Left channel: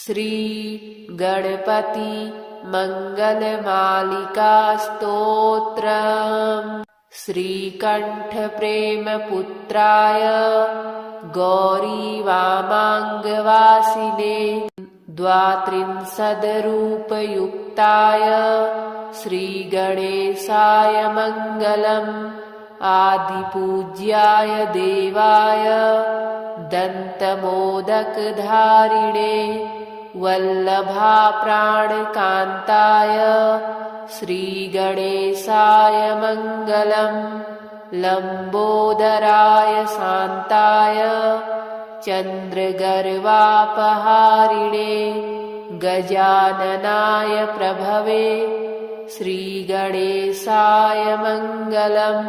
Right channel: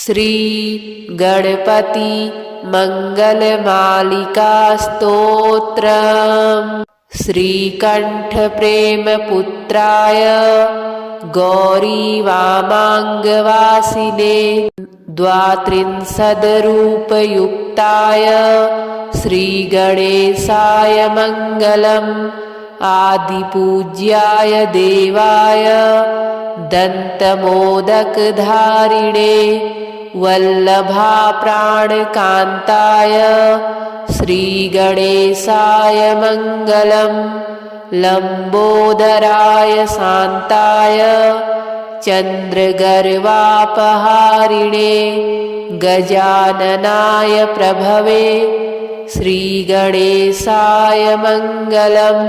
श्री गणपति मंगलमालिका स्तोत्रम्। श्रीकंठ प्रेमपुत्राय गौरीवामाङ्गवासिने द्वात्रिंशद्रूपयुक्ताय श्रीगणेशाय मङ्गलम्। आदिपूज्याय देवाय दन्तमोदकधारिणे वल्लभाप्राणकान्ताय श्रीगणेशाय मङ्गलम्। लम्बोदराय शान्ताय चन्द्रगर्वापहारिणे गजाननाय प्रभवे श्रीगणेशाय मङ्गलम्।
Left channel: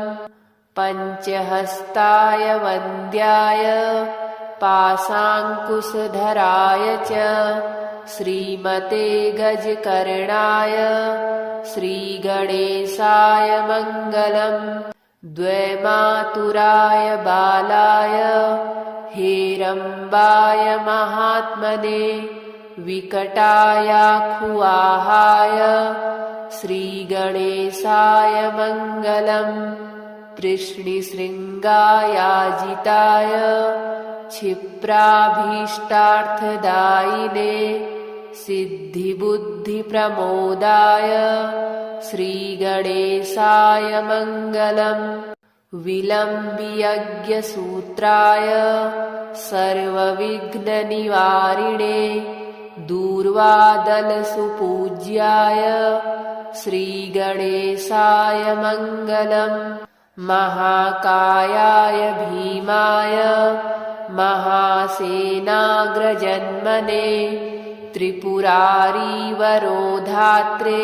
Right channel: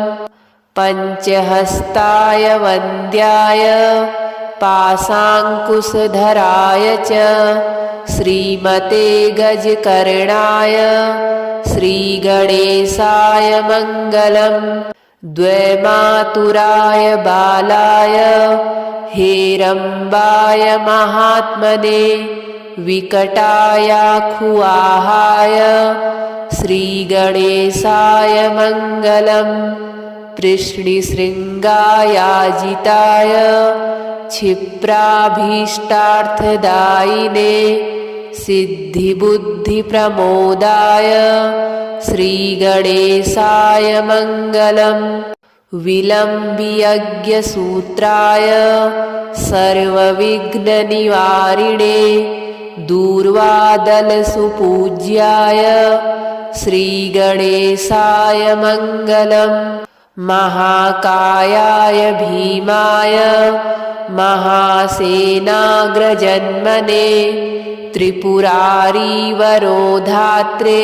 पञ्चहस्ताय वन्द्याय पाशाङ्कुशधराय च श्रीमते गजकर्णाय श्रीगणेशाय मङ्गलम्। द्वैमातुराय बालाय हेरम्बाय महात्मने विकटायाखुआहाय श्रीगणेशाय मङ्गलम्। कृष्णशृङ्गायाजिताय क्षिप्राभीष्टार्थदायिने सिद्धिबुद्धिप्रमोदाय श्रीगणेशाय मङ्गलम्। विलम्बियज्ञसूत्राय सर्वविघ्ननिवारिणे दूर्वादलसुपूज्याय श्रीगणेशाय मङ्गलम्। महाकायाय भीमाय महासेनाग्रजन्मने त्रिपुरारीवरोधात्रे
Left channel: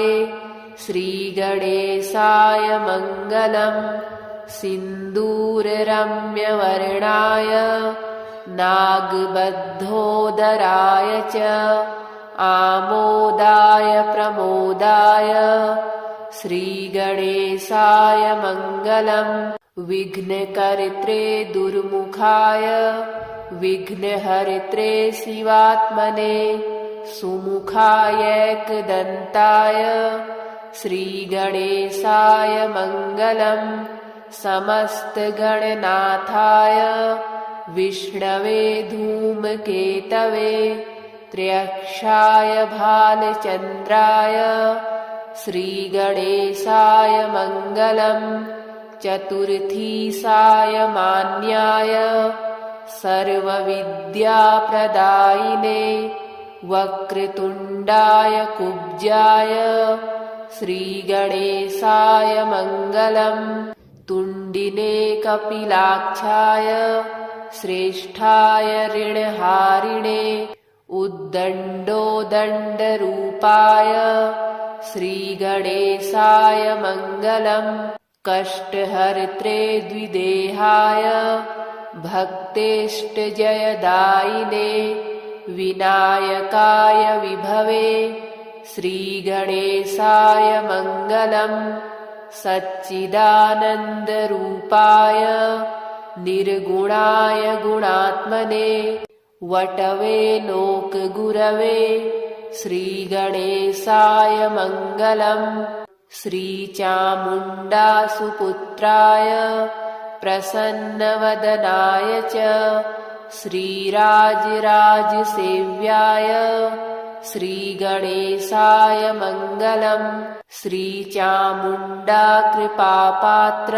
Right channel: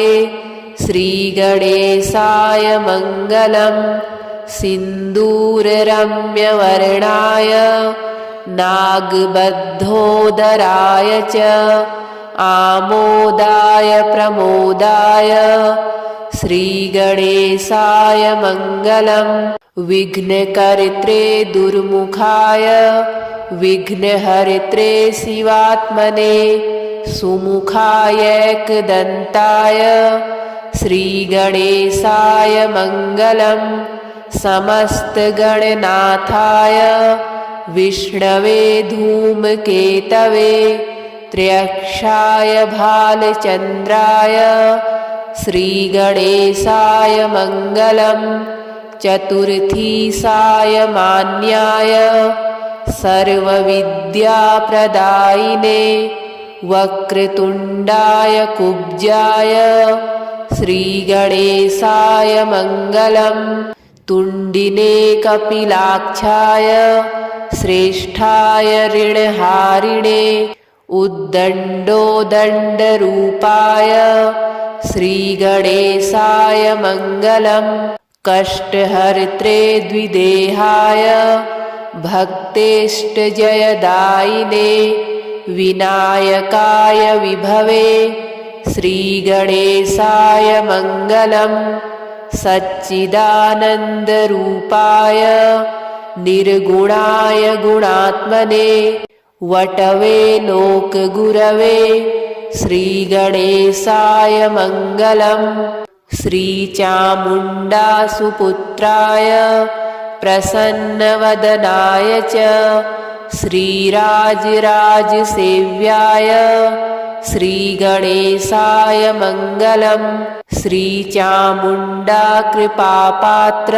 श्रीगणेशाय मङ्गलम्। सिन्दूररम्यवर्णाय नागबद्धोदराय च आमोदाय प्रमोदाय श्रीगणेशाय मङ्गलम्। विघ्नकर्त्रे दुर्मुखाय विघ्नहर्त्रे शिवात्मने सुमुखायैकदन्ताय श्रीगणेशाय मङ्गलम्। समस्तगणनाथाय विष्णवे धूमकेतवे त्र्यक्षाय भालचन्द्राय श्रीगणेशाय मङ्गलम्। चतुर्थीशाय मान्याय सर्वविद्याप्रदायिने वक्रतुण्डाय कुब्जाय श्रीगणेशाय मङ्गलम्। तुण्डिने कपिलाक्षाय श्रेष्ठाय ऋणहारिणे उद्दण्डोदण्डरूपाय श्रीगणेशाय मङ्गलम्। कष्टहर्त्रे द्विदेहाय भक्तेष्टजयदायिने विनायकाय विभवे श्रीगणेशाय मङ्गलम्। सच्चिदानन्दरूपाय निर्गुणाय गुणात्मने वटवे लोकगुरवे श्रीगणेशाय मङ्गलम्। श्रीचामुण्डासुपुत्राय प्रसन्नवदनाय च श्रीराजराजसेव्याय श्रीगणेशाय मङ्गलम्। श्रीचामुण्डा कृपापात्र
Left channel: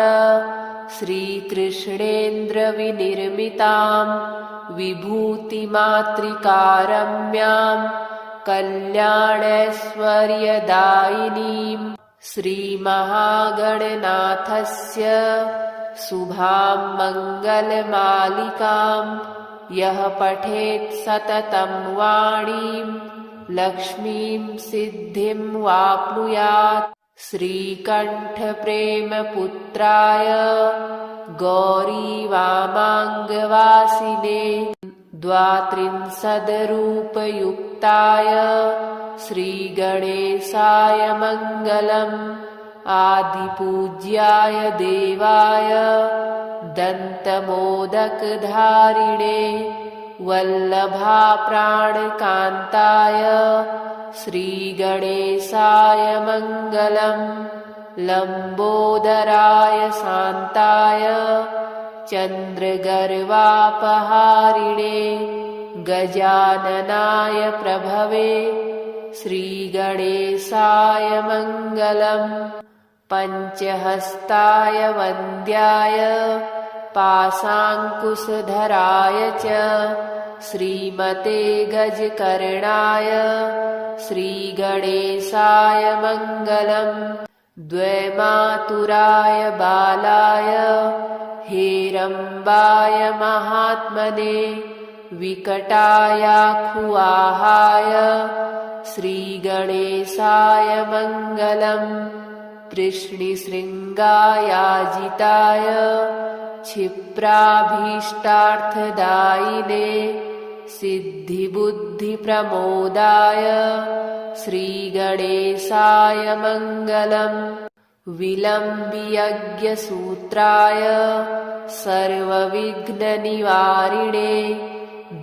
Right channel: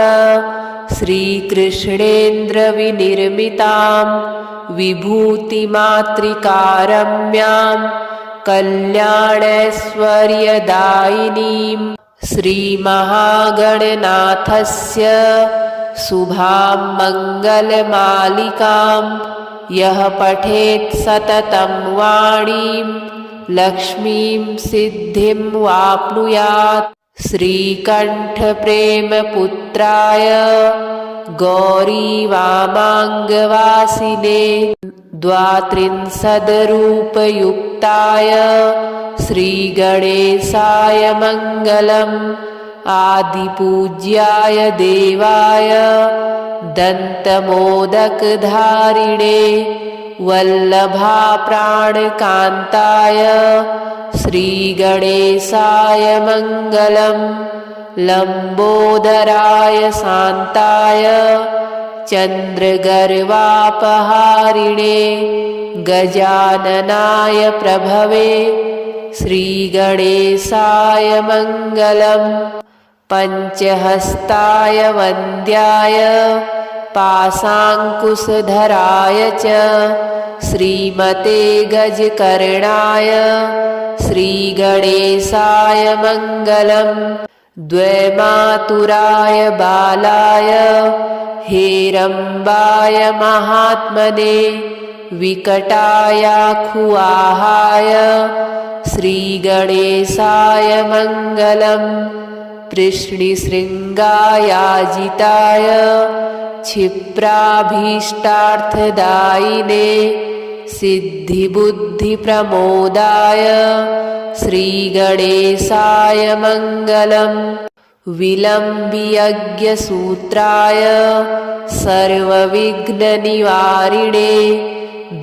श्रीकृष्णेन्द्रविनिर्मितां विभूतिमातृकारम्यां कल्याणैश्वर्यदायिनीं श्रीमहागणनाथस्य शुभां मङ्गलमालिकां यः पठेत् सततं वाणीं लक्ष्मीं सिद्धिं वाप्नुयात्। श्रीकंठ प्रेमपुत्राय गौरीवामाङ्गवासिने द्वात्रिंशद्रूपयुक्ताय श्रीगणेशाय मङ्गलम्। आदिपूज्याय देवाय दन्तमोदकधारिणे वल्लभाप्राणकान्ताय श्रीगणेशाय मङ्गलम्। लम्बोदराय शान्ताय चन्द्रगर्वापहारिणे गजाननाय प्रभवे श्रीगणेशाय मङ्गलम्। पञ्चहस्ताय वन्द्याय पाशाङ्कुशधराय च श्रीमते गजकर्णाय श्रीगणेशाय मङ्गलम्। द्वैमातुराय बालाय हेरम्बाय महात्मने विकटायाखुआहाय श्रीगणेशाय मङ्गलम्। कृष्णशृङ्गायाजिताय क्षिप्राभीष्टार्थदायिने सिद्धिबुद्धिप्रमोदाय श्रीगणेशाय मङ्गलम्। विलम्बियज्ञसूत्राय सर्वविघ्ननिवारिणे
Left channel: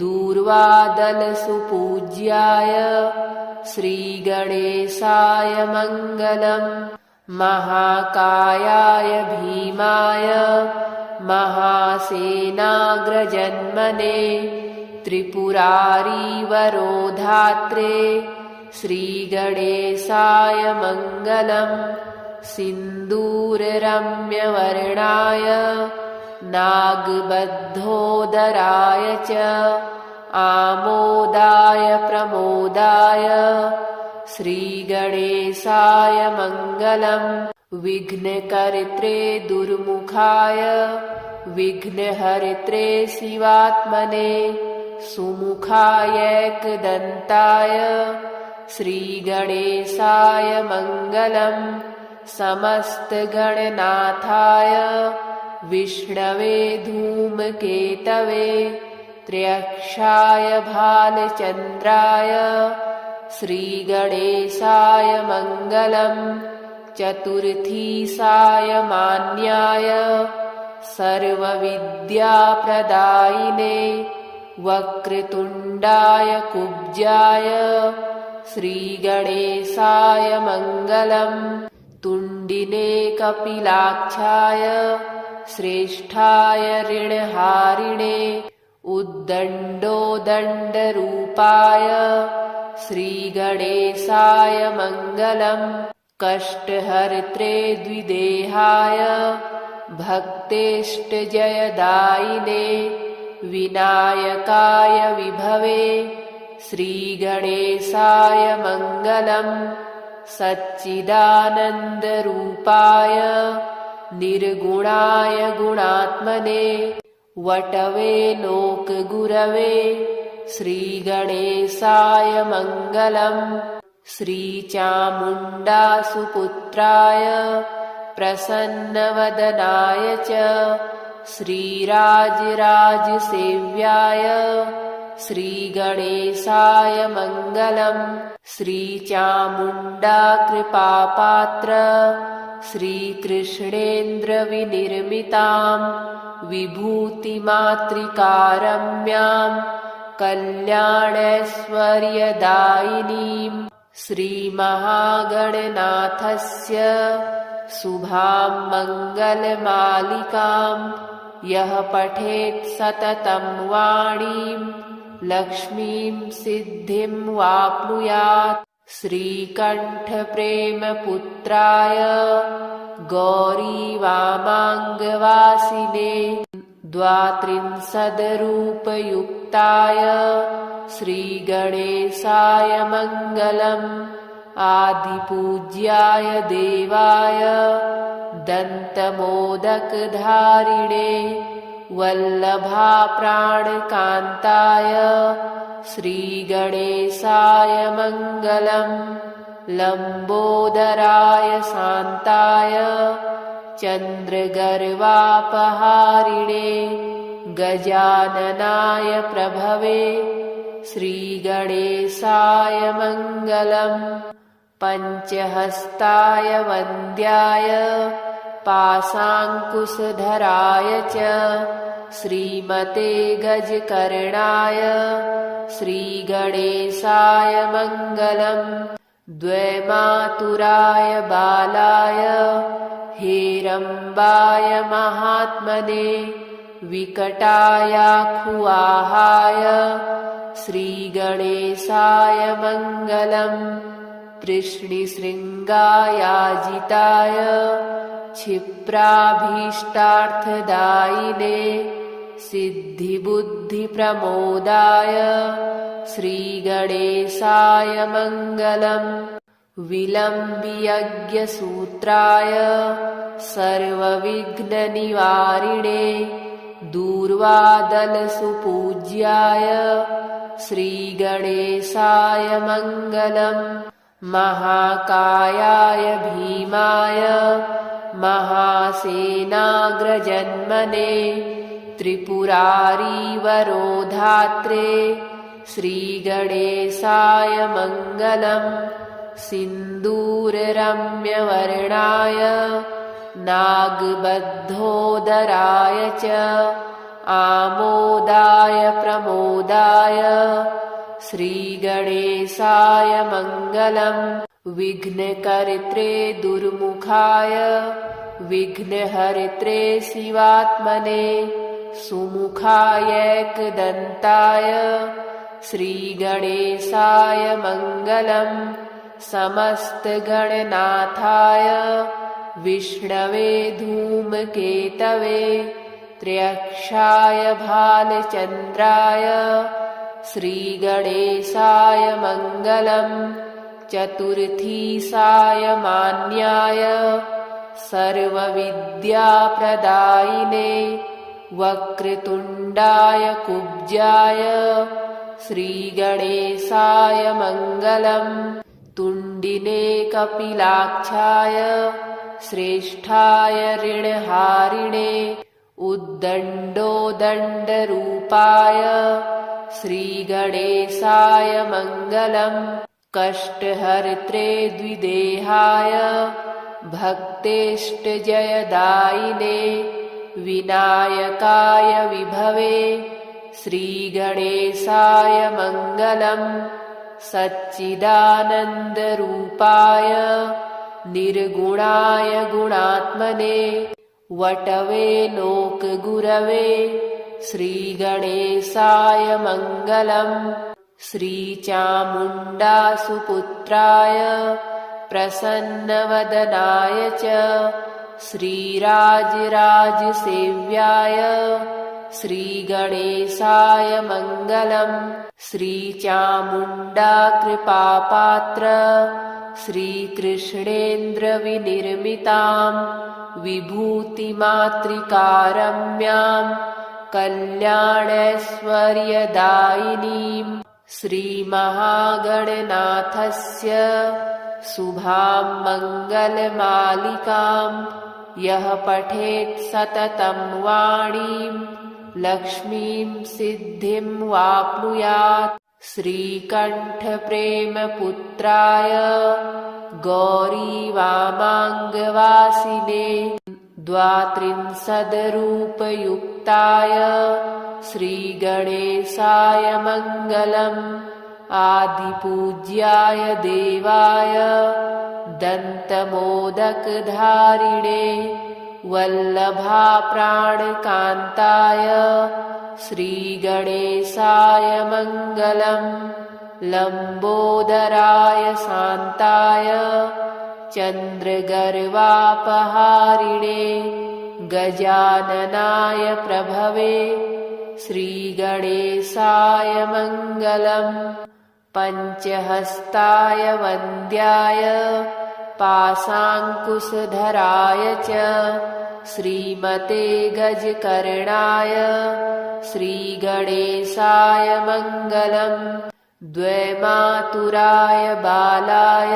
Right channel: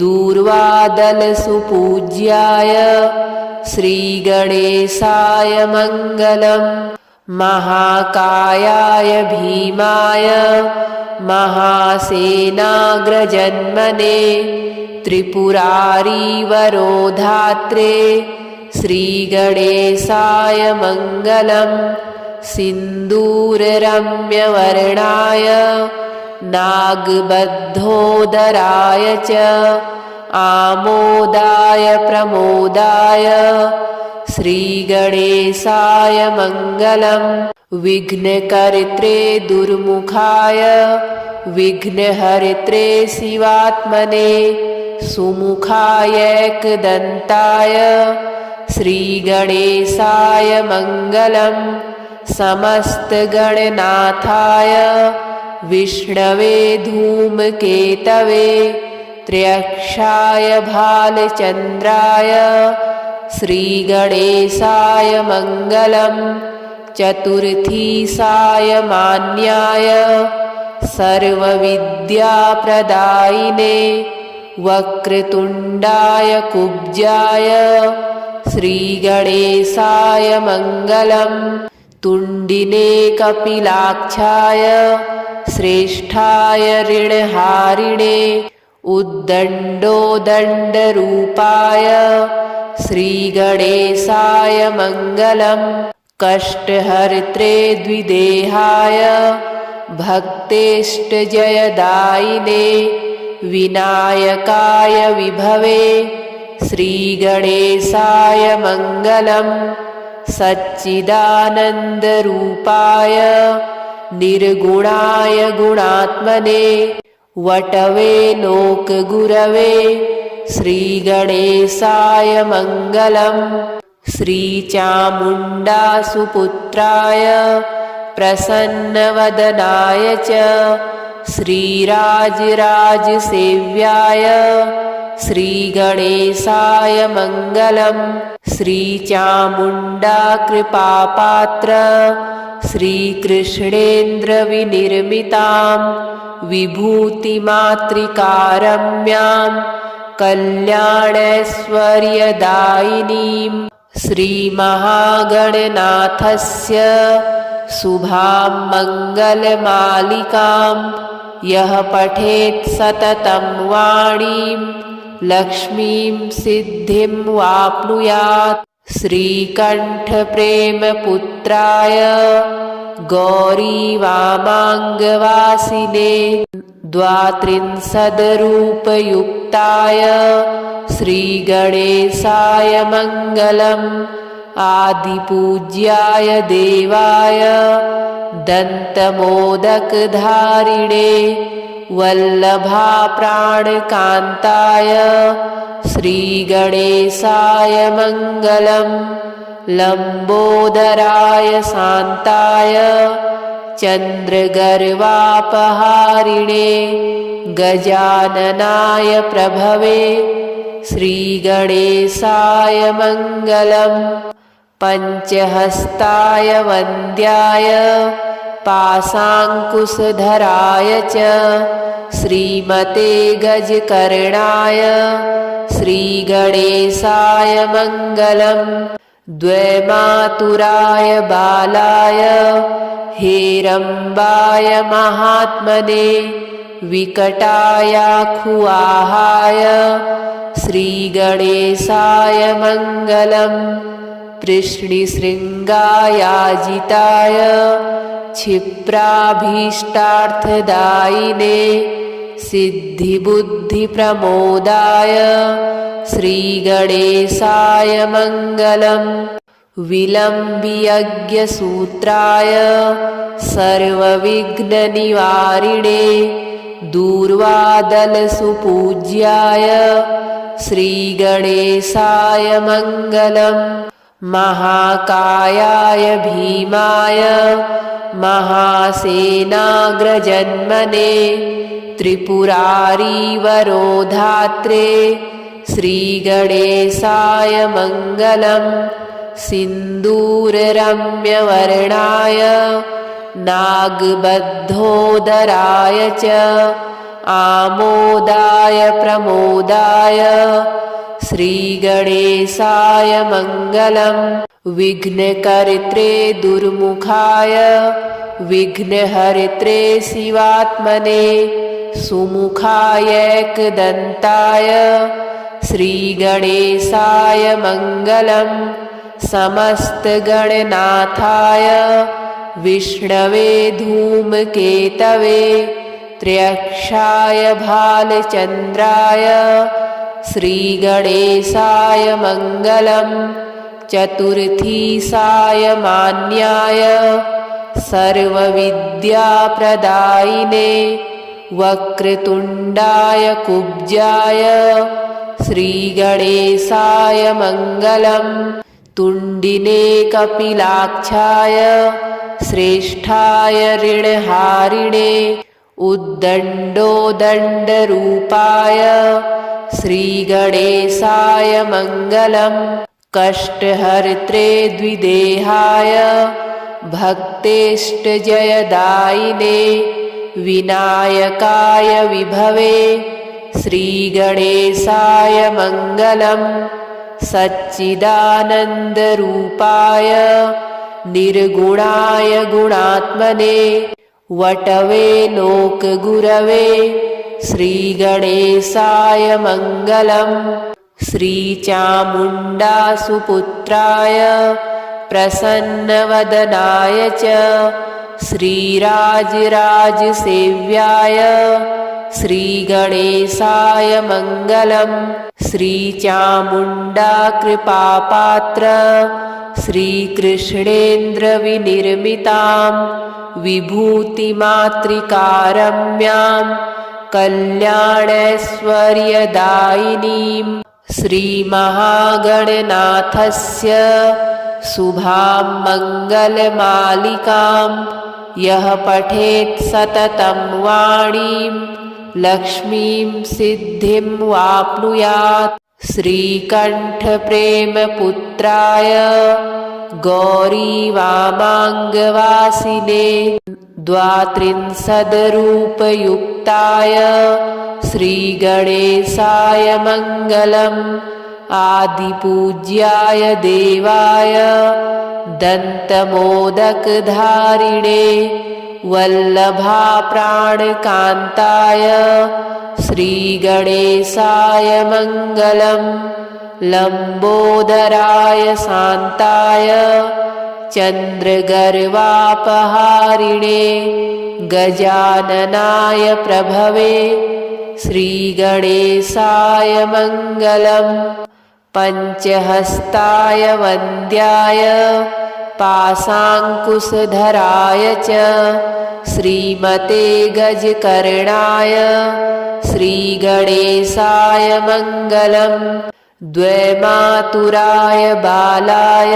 दूर्वादलसुपूज्याय श्रीगणेशाय मङ्गलम्। महाकायाय भीमाय महासेनाग्रजन्मने त्रिपुरारीवरोधात्रे श्रीगणेशाय मङ्गलम्। सिन्दूररम्यवर्णाय नागबद्धोदराय च आमोदाय प्रमोदाय श्रीगणेशाय मङ्गलम्। विघ्नकर्त्रे दुर्मुखाय विघ्नहर्त्रे शिवात्मने सुमुखायैकदन्ताय श्रीगणेशाय मङ्गलम्। समस्तगणनाथाय विष्णवे धूमकेतवे त्र्यक्षाय भालचन्द्राय श्रीगणेशाय मङ्गलम्। चतुर्थीशाय मान्याय सर्वविद्याप्रदायिने वक्रतुण्डाय कुब्जाय श्रीगणेशाय मङ्गलम्। तुण्डिने कपिलाक्षाय श्रेष्ठाय ऋणहारिणे उद्दण्डोदण्डरूपाय श्रीगणेशाय मङ्गलम्। कष्टहर्त्रे द्विदेहाय भक्तेष्टजयदायिने विनायकाय विभवे श्रीगणेशाय मङ्गलम्। सच्चिदानन्दरूपाय निर्गुणाय गुणात्मने वटवे लोकगुरवे श्रीगणेशाय मङ्गलम्। श्रीचामुण्डासुपुत्राय प्रसन्नवदनाय च श्रीराजराजसेव्याय श्रीगणेशाय मङ्गलम्। श्रीचामुण्डाकृपापात्र श्रीकृष्णेन्द्रविनिर्मितां विभूतिमातृकारम्यां कल्याणैश्वर्यदायिनीं श्रीमहागणनाथस्य शुभां मङ्गलमालिकां यः पठेत् सततं वाणीं लक्ष्मीं सिद्धिं वाप्नुयात्। श्रीकण्ठप्रेमपुत्राय गौरीवामाङ्गवासिने द्वात्रिंशद्रूपयुक्ताय श्रीगणेशाय मङ्गलम्। आदिपूज्याय देवाय दन्तमोदकधारिणे वल्लभाप्राणकान्ताय श्रीगणेशाय मङ्गलम्। लम्बोदराय शान्ताय चन्द्रगर्वापहारिणे गजाननाय प्रभवे श्रीगणेशाय मङ्गलम्। पञ्चहस्ताय वन्द्याय पाशाङ्कुशधराय च श्रीमते गजकर्णाय श्रीगणेशाय मङ्गलम्। द्वैमातुराय बालाय हेरम्बाय महात्मने विकटायाखुआहाय श्रीगणेशाय मङ्गलम्। पृष्णिशृङ्गायाजिताय क्षिप्राभीष्टार्थदायिने सिद्धिबुद्धिप्रमोदाय श्रीगणेशाय मङ्गलम्। विलम्बियज्ञसूत्राय सर्वविघ्ननिवारिणे दूर्वादलसुपूज्याय श्रीगणेशाय मङ्गलम्। महाकायाय भीमाय महासेनाग्रजन्मने त्रिपुरारीवरोधात्रे श्रीगणेशाय मङ्गलम्। सिन्दूररम्यवर्णाय नागबद्धोदराय च आमोदाय प्रमोदाय श्रीगणेशाय मङ्गलम्। विघ्नकर्त्रे दुर्मुखाय विघ्नहर्त्रे शिवात्मने सुमुखायैकदन्ताय श्रीगणेशाय मङ्गलम्। समस्तगणनाथाय विष्णवे धूमकेतवे त्र्यक्षाय भालचन्द्राय श्रीगणेशाय मङ्गलम्। चतुर्थीसाय मान्याय सर्वविद्याप्रदायिने वक्रतुण्डाय कुब्जाय श्रीगणेशाय मङ्गलम्। तुण्डिने कपिलाक्षाय श्रेष्ठाय ऋणहारिणे उद्दण्डोदण्डरूपाय श्रीगणेशाय मङ्गलम्। कष्टहर्त्रे द्विदेहाय भक्तेष्टजयदायिने विनायकाय विभवे श्रीगणेशाय मङ्गलम्। सच्चिदानन्दरूपाय निर्गुणाय गुणात्मने वटवे लोकगुरवे श्रीगणेशाय मङ्गलम्। श्रीचामुण्डासुपुत्राय प्रसन्नवदनाय च श्रीराजराजसेव्याय श्रीगणेशाय मङ्गलम्। श्रीचामुण्डाकृपापात्र श्रीकृष्णेन्द्रविनिर्मितां विभूतिमातृकारम्यां कल्याणैश्वर्यदायिनीं श्रीमहागणनाथस्य शुभां मङ्गलमालिकां यः पठेत् सततं वाणीं लक्ष्मीं सिद्धिं वाप्नुयात्। श्रीकण्ठप्रेमपुत्राय गौरीवामाङ्गवासिने द्वात्रिंशद्रूपयुक्ताय श्रीगणेशाय मङ्गलम्। आदिपूज्याय देवाय दन्तमोदकधारिणे वल्लभाप्राणकान्ताय श्रीगणेशाय मङ्गलम्। लम्बोदराय शान्ताय चन्द्रगर्वापहारिणे गजाननाय प्रभवे श्रीगणेशाय मङ्गलम्। पञ्चहस्ताय वन्द्याय पाशाङ्कुशधराय च श्रीमते गजकर्णाय श्रीगणेशाय मङ्गलम्। द्वैमातुराय बालाय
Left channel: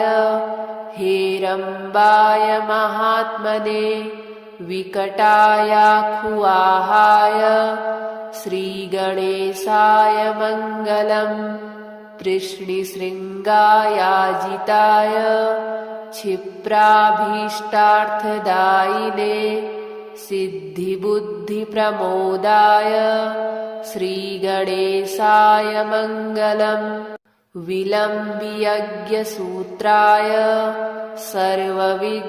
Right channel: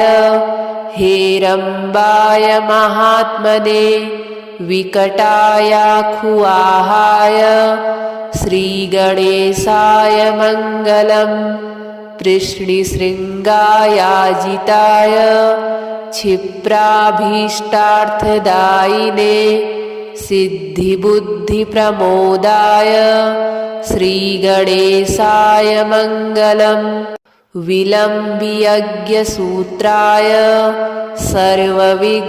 हेरम्बाय महात्मने विकटायाखुआहाय श्रीगणेशाय मङ्गलम्। पृष्णिशृङ्गायाजिताय क्षिप्राभीष्टार्थदायिने सिद्धिबुद्धिप्रमोदाय श्रीगणेशाय मङ्गलम्। विलम्बियज्ञसूत्राय सर्वविघ्ननिवारिणे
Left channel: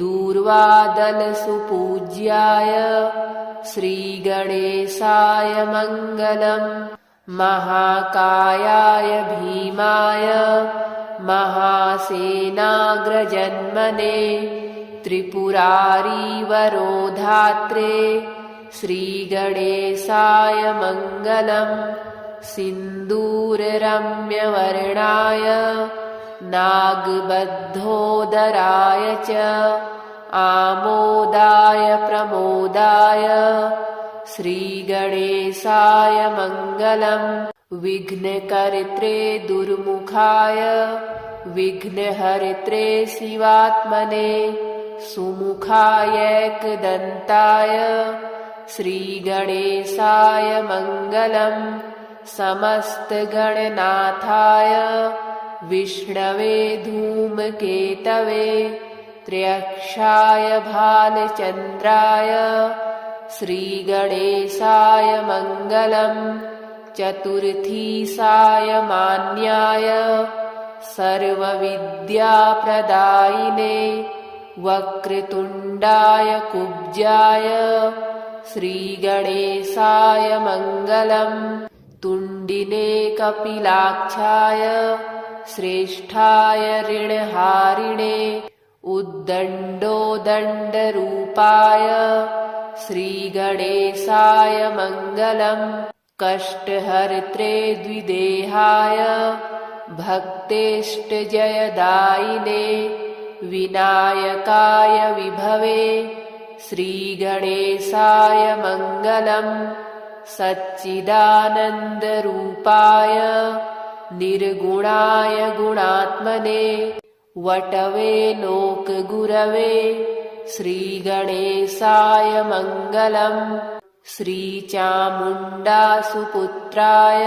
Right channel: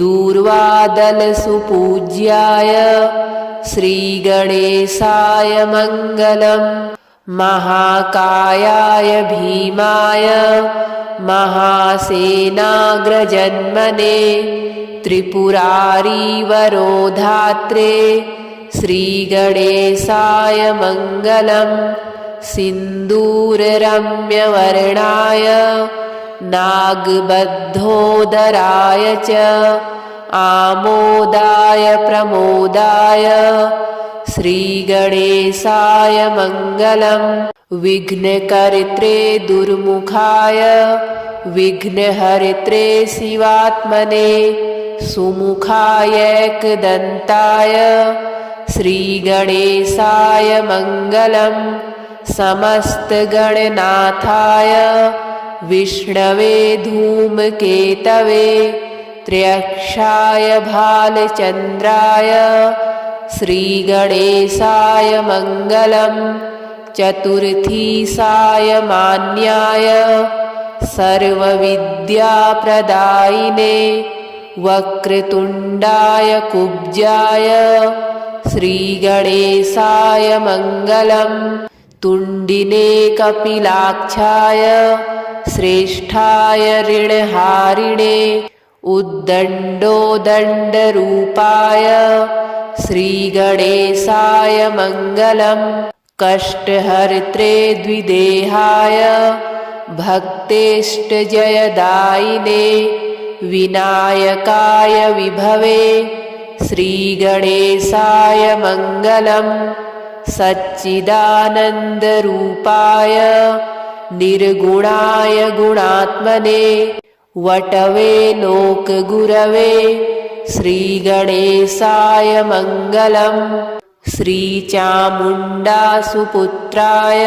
दूर्वादलसुपूज्याय श्रीगणेशाय मङ्गलम्। महाकायाय भीमाय महासेनाग्रजन्मने त्रिपुरारीवरोधात्रे श्रीगणेशाय मङ्गलम्। सिन्दूररम्यवर्णाय नागबद्धोदराय च आमोदाय प्रमोदाय श्रीगणेशाय मङ्गलम्। विघ्नकर्त्रे दुर्मुखाय विघ्नहर्त्रे शिवात्मने सुमुखायैकदन्ताय श्रीगणेशाय मङ्गलम्। समस्तगणनाथाय विष्णवे धूमकेतवे त्र्यक्षाय भालचन्द्राय श्रीगणेशाय मङ्गलम्। चतुर्थीसाय मान्याय सर्वविद्याप्रदायिने वक्रतुण्डाय कुब्जाय श्रीगणेशाय मङ्गलम्। तुण्डिने कपिलाक्षाय श्रेष्ठाय ऋणहारिणे उद्दण्डोदण्डरूपाय श्रीगणेशाय मङ्गलम्। कष्टहर्त्रे द्विदेहाय भक्तेष्टजयदायिने विनायकाय विभवे श्रीगणेशाय मङ्गलम्। सच्चिदानन्दरूपाय निर्गुणाय गुणात्मने वटवे लोकगुरवे श्रीगणेशाय मङ्गलम्। श्रीचामुण्डासुपुत्राय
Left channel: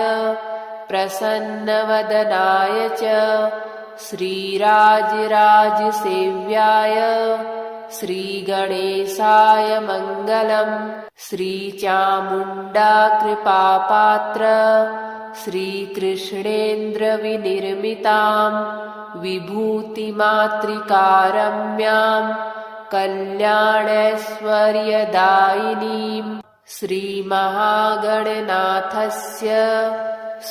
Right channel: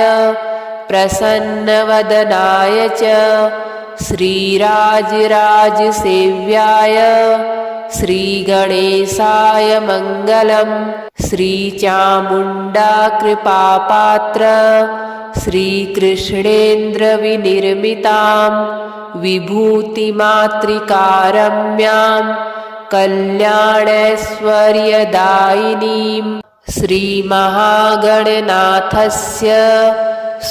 प्रसन्नवदनाय च श्रीराजराजसेव्याय श्रीगणेशाय मङ्गलम्। श्रीचामुण्डाकृपापात्र श्रीकृष्णेन्द्रविनिर्मितां विभूतिमातृकारम्यां कल्याणैश्वर्यदायिनीं श्रीमहागणनाथस्य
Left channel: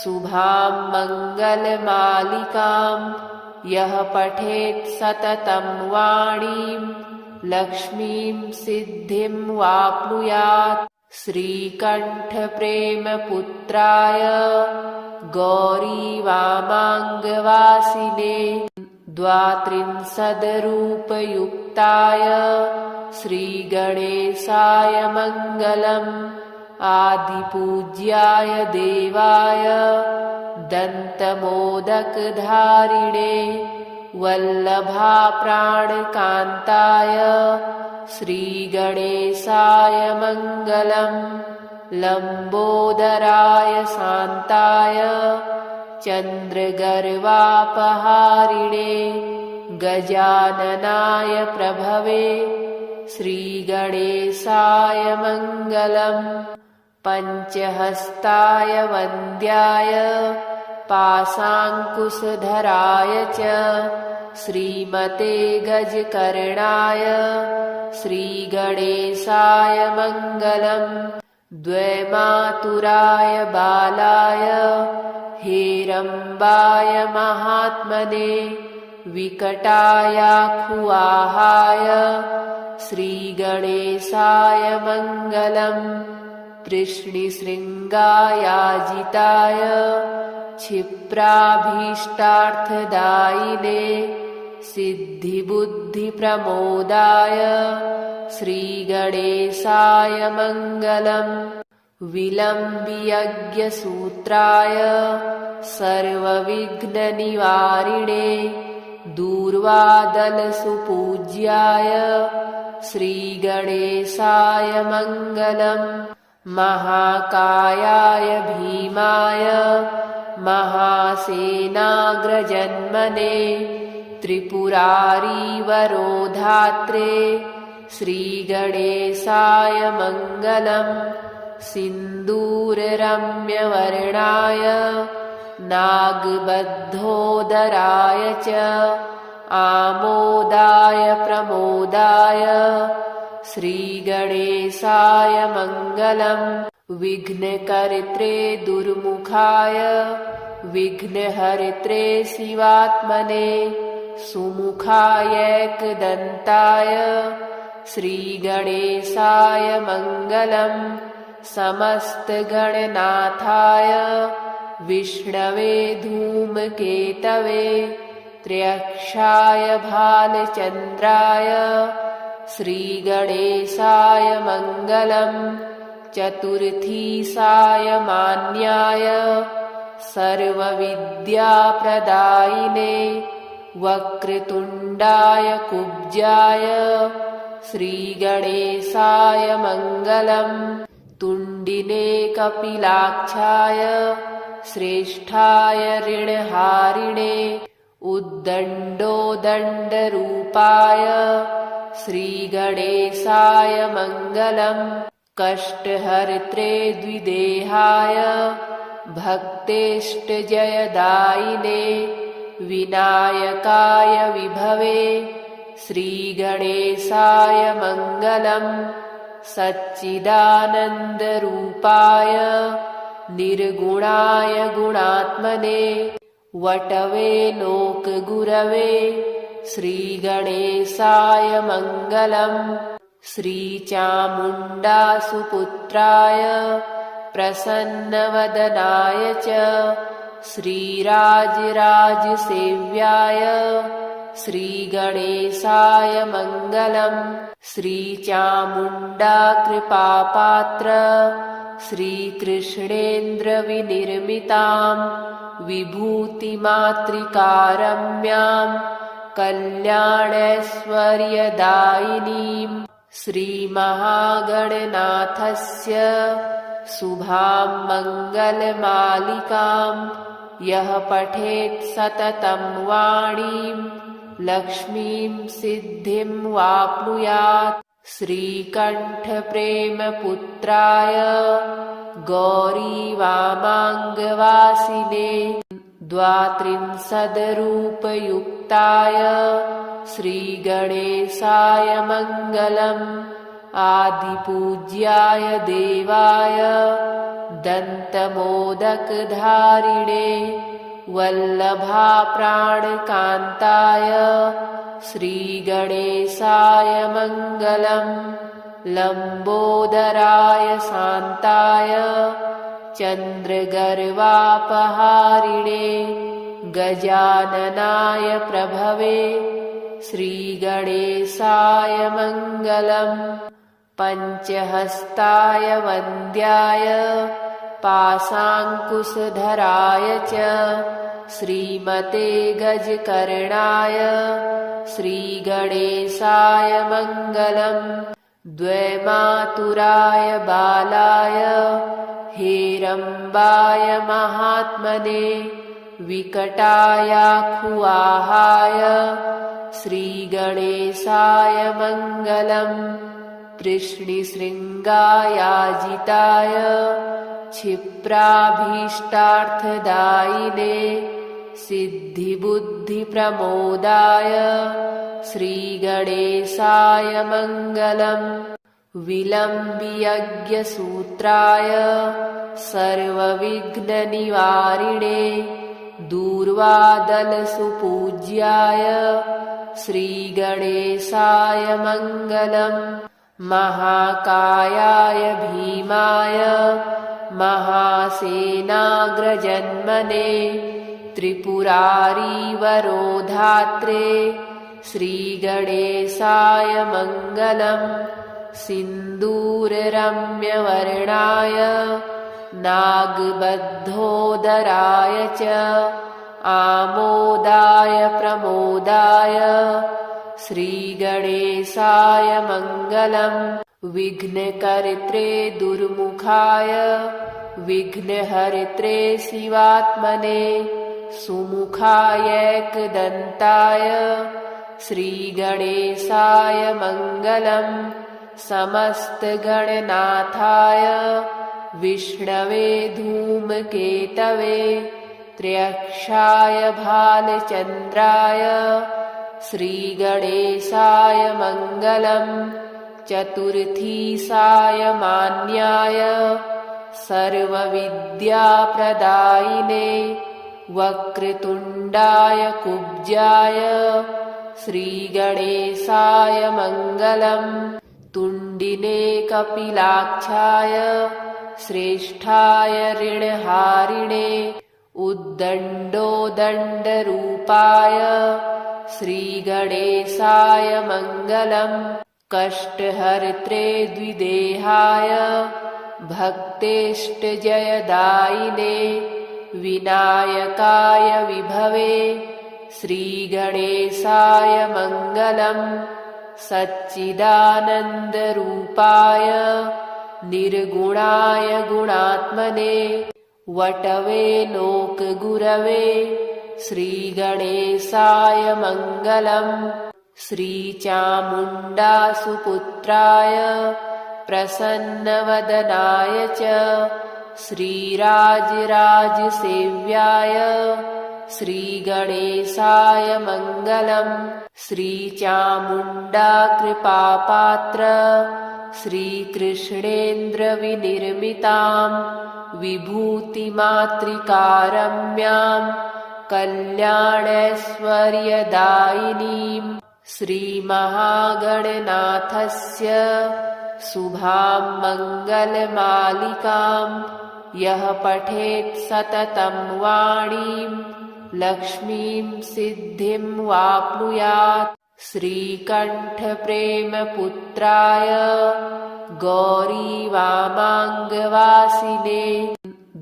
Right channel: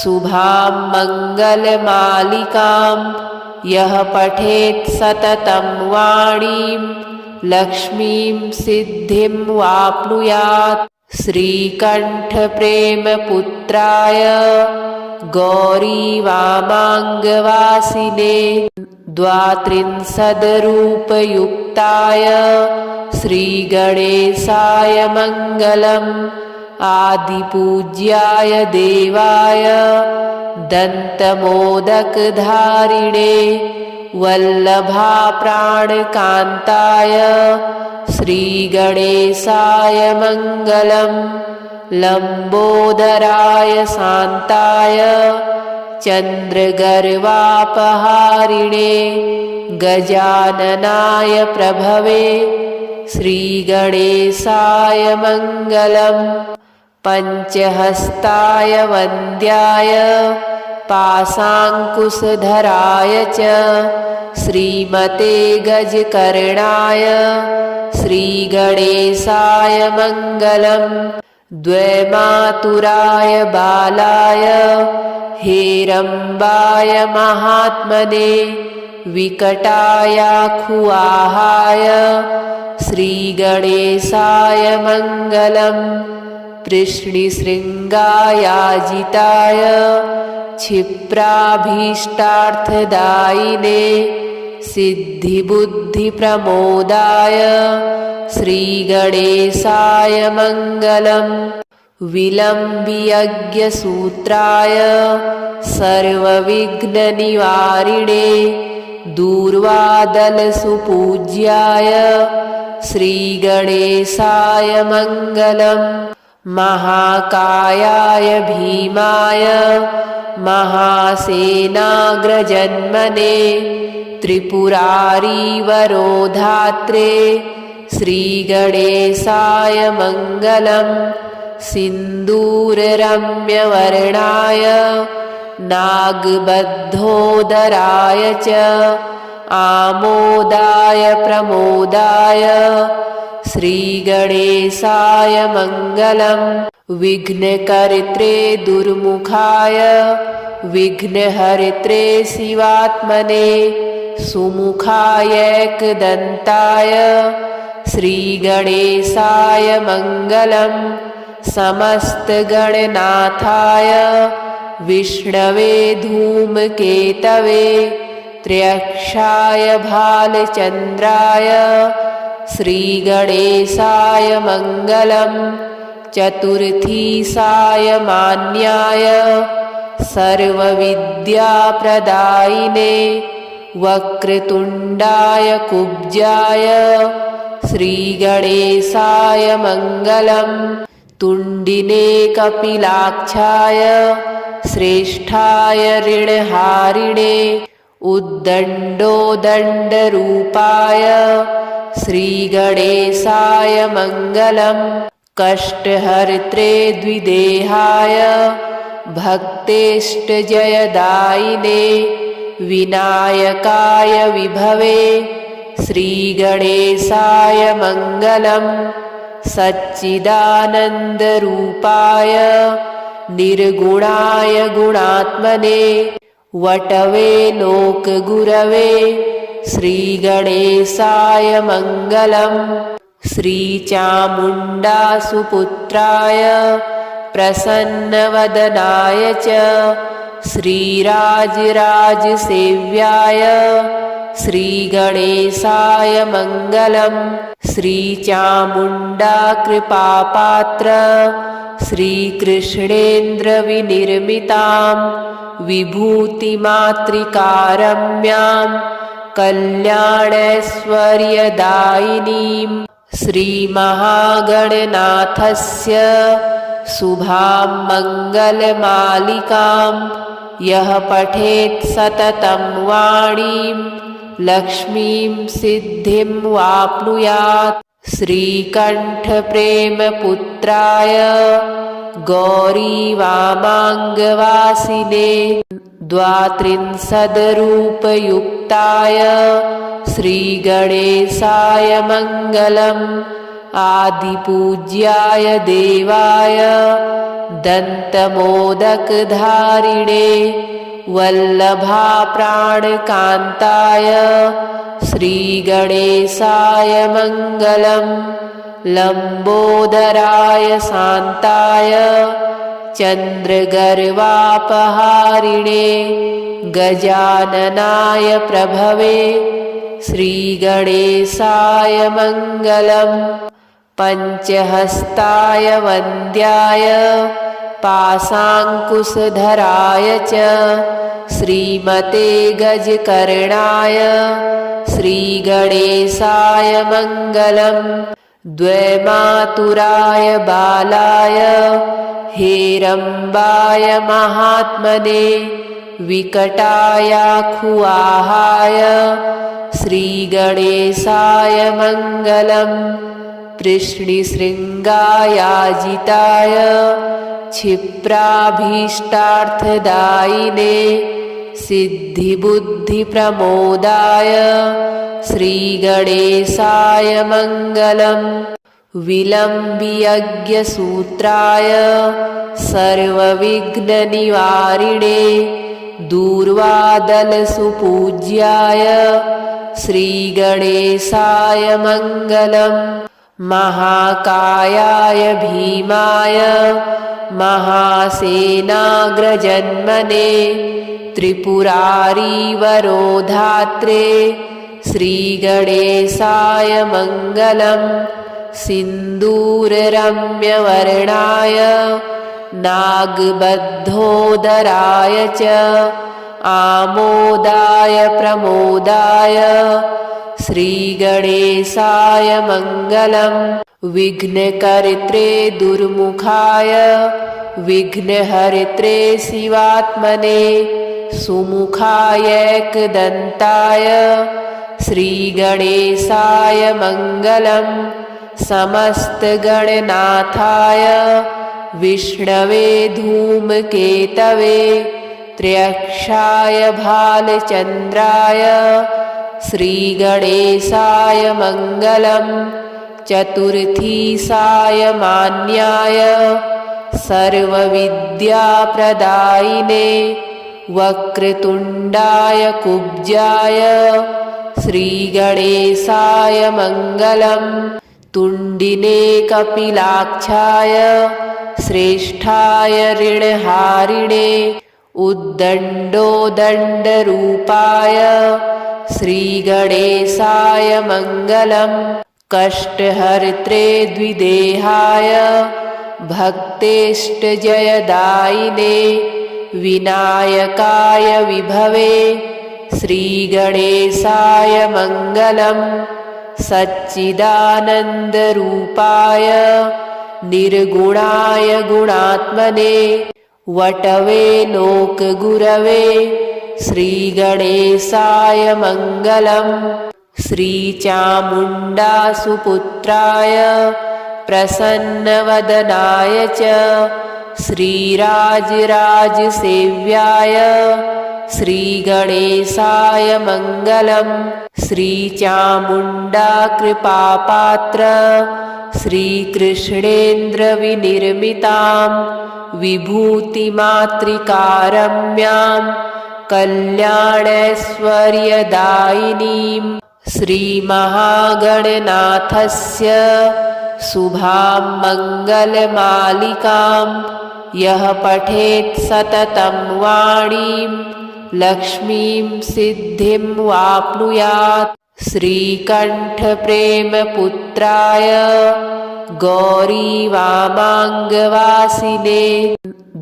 शुभां मङ्गलमालिकां यः पठेत् सततं वाणीं लक्ष्मीं सिद्धिं वाप्नुयात्। श्रीकण्ठप्रेमपुत्राय गौरीवामाङ्गवासिने द्वात्रिंशद्रूपयुक्ताय श्रीगणेशाय मङ्गलम्। आदिपूज्याय देवाय दन्तमोदकधारिणे वल्लभाप्राणकान्ताय श्रीगणेशाय मङ्गलम्। लम्बोदराय शान्ताय चन्द्रगर्वापहारिणे गजाननाय प्रभवे श्रीगणेशाय मङ्गलम्। पञ्चहस्ताय वन्द्याय पाशाङ्कुशधराय च श्रीमते गजकर्णाय श्रीगणेशाय मङ्गलम्। द्वैमातुराय बालाय हेरम्बाय महात्मने विकटायाखुआहाय श्रीगणेशाय मङ्गलम्। कृष्णशृङ्गायाजिताय क्षिप्राभीष्टार्थदायिने सिद्धिबुद्धिप्रमोदाय श्रीगणेशाय मङ्गलम्। विलम्बियज्ञसूत्राय सर्वविघ्ननिवारिणे दूर्वादलसुपूज्याय श्रीगणेशाय मङ्गलम्। महाकायाय भीमाय महासेनाग्रजन्मने त्रिपुरारीवरोधात्रे श्रीगणेशाय मङ्गलम् सिन्दूररम्यवर्णाय नागबद्धोदराय च आमोदाय प्रमोदाय श्रीगणेशाय मङ्गलम् विघ्नकर्त्रे दुर्मुखाय विघ्नहर्त्रे शिवात्मने सुमुखायैकदन्ताय श्रीगणेशाय मङ्गलम् समस्तगणनाथाय विष्णवे धूमकेतवे त्र्यक्षाय भालचन्द्राय श्रीगणेशाय मङ्गलम् चतुर्थीसाय मान्याय सर्वविद्याप्रदायिने वक्रतुण्डाय कुब्जाय श्रीगणेशाय मङ्गलम् तुण्डिने कपिलाक्षाय श्रेष्ठाय ऋणहारिणे उद्दण्डोदण्डरूपाय श्रीगणेशाय मङ्गलम् कष्टहर्त्रे द्विदेहाय भक्तेष्टजयदायिने विनायकाय विभवे श्रीगणेशाय मङ्गलम् सच्चिदानन्दरूपाय निर्गुणाय गुणात्मने वटवे लोकगुरवे श्रीगणेशाय मङ्गलम् श्रीचामुण्डासुपुत्राय प्रसन्नवदनाय च श्रीराजराजसेव्याय श्रीगणेशाय मङ्गलम् श्रीचामुण्डाकृपापात्र श्रीकृष्णेन्द्रविनिर्मितां विभूतिमातृकारम्यां कल्याणैश्वर्यदायिनीं श्रीमहागणनाथस्य शुभां मङ्गलमालिकां यः पठेत् सततं वाणीं लक्ष्मीं सिद्धिं वाप्नुयात् श्रीकण्ठप्रेमपुत्राय गौरीवामाङ्गवासिने द्वात्रिंशद्रूपयुक्ताय श्रीगणेशाय मङ्गलम् आदिपूज्याय देवाय दन्तमोदकधारिणे वल्लभाप्राणकान्ताय श्रीगणेशाय मङ्गलम् लम्बोदराय शान्ताय चन्द्रगर्वापहारिणे गजाननाय प्रभवे श्रीगणेशाय मङ्गलम् पञ्चहस्ताय वन्द्याय पाशाङ्कुशधराय च श्रीमते गजकर्णाय श्रीगणेशाय मङ्गलम् द्वैमातुराय बालाय हेरम्बाय महात्मने विकटायाखुआहाय श्रीगणेशाय मङ्गलम् कृष्णशृङ्गायाजिताय क्षिप्राभीष्टार्थदायिने सिद्धिबुद्धिप्रमोदाय श्रीगणेशाय मङ्गलम् विलम्बियज्ञसूत्राय सर्वविघ्ननिवारिणे दूर्वादलसुपूज्याय श्रीगणेशाय मङ्गलम् महाकायाय भीमाय महासेनाग्रजन्मने त्रिपुरारीवरोधात्रे श्रीगणेशाय मङ्गलम् सिन्दूररम्यवर्णाय नागबद्धोदराय च आमोदाय प्रमोदाय श्रीगणेशाय मङ्गलम् विघ्नकर्त्रे दुर्मुखाय विघ्नहर्त्रे शिवात्मने सुमुखायैकदन्ताय श्रीगणेशाय मङ्गलं समस्तगणनाथाय विष्णवे धूमकेतवे त्र्यक्षाय भालचन्द्राय श्रीगणेशाय मङ्गलं चतुर्थीसाय मान्याय सर्वविद्याप्रदायिने वक्रतुण्डाय कुब्जाय श्रीगणेशाय मङ्गलं तुण्डिने कपिलाक्षाय श्रेष्ठाय ऋणहारिणे उद्दण्डोदण्डरूपाय श्रीगणेशाय मङ्गलं कष्टहर्त्रे द्विदेहाय भक्तेष्टजयदायिने विनायकाय विभवे श्रीगणेशाय मङ्गलं सच्चिदानन्दरूपाय निर्गुणाय गुणात्मने वटवे लोकगुरवे श्रीगणेशाय मङ्गलं श्रीचामुण्डासुपुत्राय प्रसन्नवदनाय च श्रीराजराजसेव्याय श्रीगणेशाय मङ्गलं श्रीचामुण्डाकृपापात्र श्रीकृष्णेन्द्रविनिर्मितां विभूतिमातृकारम्यां कल्याणैश्वर्यदायिनीं श्रीमहागणनाथस्य शुभां मङ्गलमालिकां यः पठेत् सततं वाणीं लक्ष्मीं सिद्धिं वाप्नुयात्। श्रीकण्ठप्रेमपुत्राय गौरीवामाङ्गवासिने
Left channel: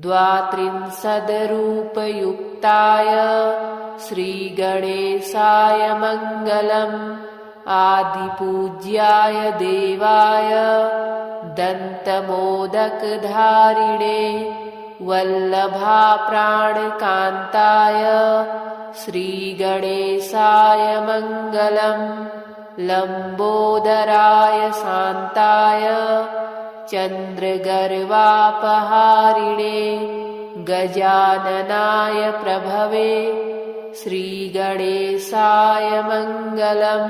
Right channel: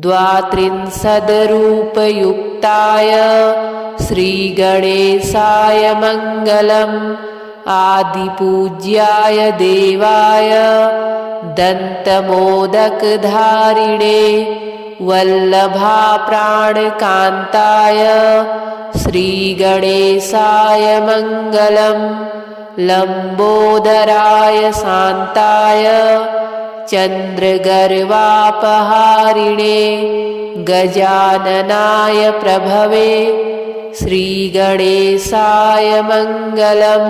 द्वात्रिंशद्रूपयुक्ताय श्रीगणेशाय मङ्गलम् आदिपूज्याय देवाय दन्तमोदकधारिणे वल्लभाप्राणकान्ताय श्रीगणेशाय मङ्गलं लम्बोदराय शान्ताय चन्द्रगर्वापहारिणे गजाननाय प्रभवे श्रीगणेशाय मङ्गलं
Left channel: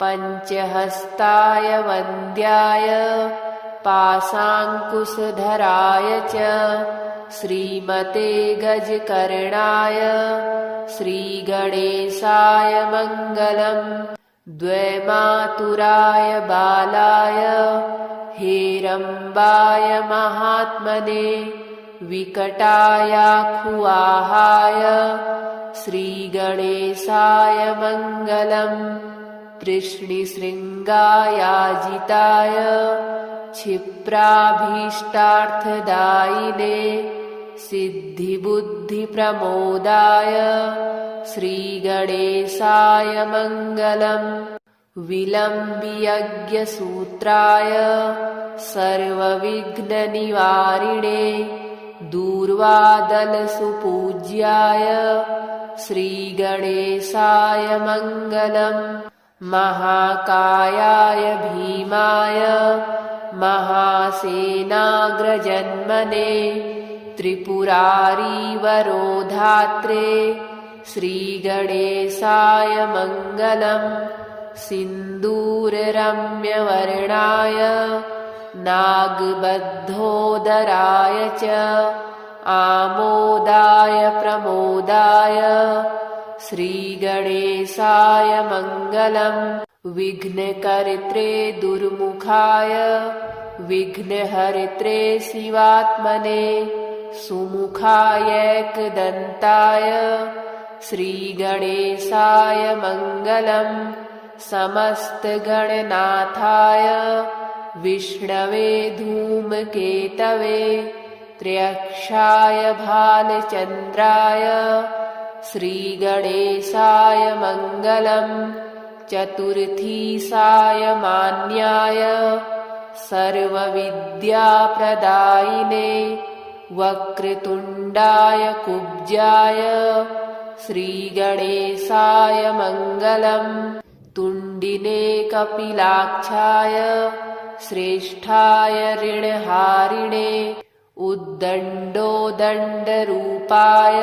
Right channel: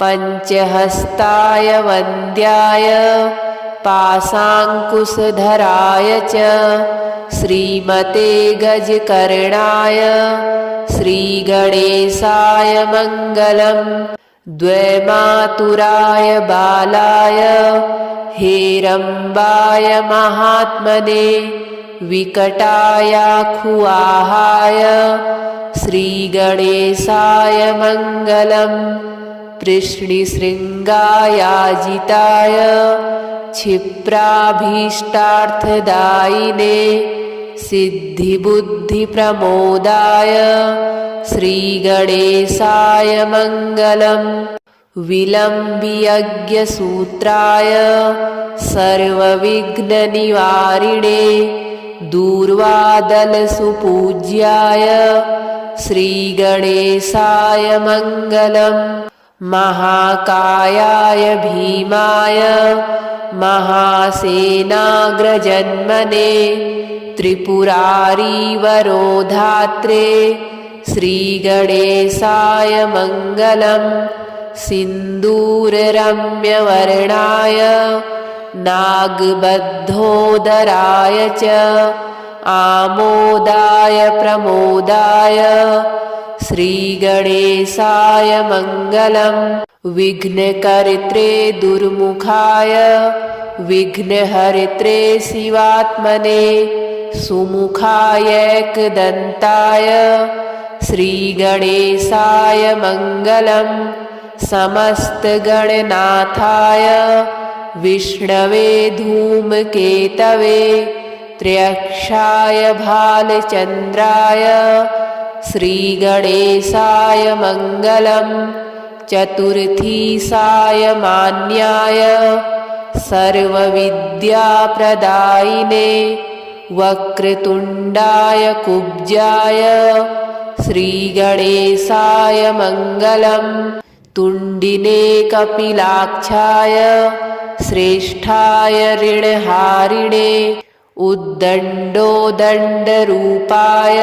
पञ्चहस्ताय वन्द्याय पाशाङ्कुशधराय च श्रीमते गजकर्णाय श्रीगणेशाय मङ्गलं द्वैमातुराय बालाय हेरम्बाय महात्मने विकटायाखुवाहाय श्रीगणेशाय मङ्गलं कृष्णशृङ्गायाजिताय क्षिप्राभीष्टार्थदायिने सिद्धिबुद्धिप्रमोदाय श्रीगणेशाय मङ्गलं विलम्बियज्ञसूत्राय सर्वविघ्ननिवारिणे दूर्वादलसुपूज्याय श्रीगणेशाय मङ्गलं महाकायाय भीमाय महासेनाग्रजन्मने त्रिपुरारीवरोधात्रे श्रीगणेशाय मङ्गलं सिन्दूररम्यवर्णाय नागबद्धोदराय च आमोदाय प्रमोदाय श्रीगणेशाय मङ्गलं विघ्नकर्त्रे दुर्मुखाय विघ्नहर्त्रे शिवात्मने सुमुखायैकदन्ताय श्रीगणेशाय मङ्गलं समस्तगणनाथाय विष्णवे धूमकेतवे त्र्यक्षाय भालचन्द्राय श्रीगणेशाय मङ्गलं चतुर्थीसाय मान्याय सर्वविद्याप्रदायिने वक्रतुण्डाय कुब्जाय श्रीगणेशाय मङ्गलम् तुण्डिने कपिलाक्षाय श्रेष्ठाय ऋणहारिणे उद्दण्डोदण्डरूपाय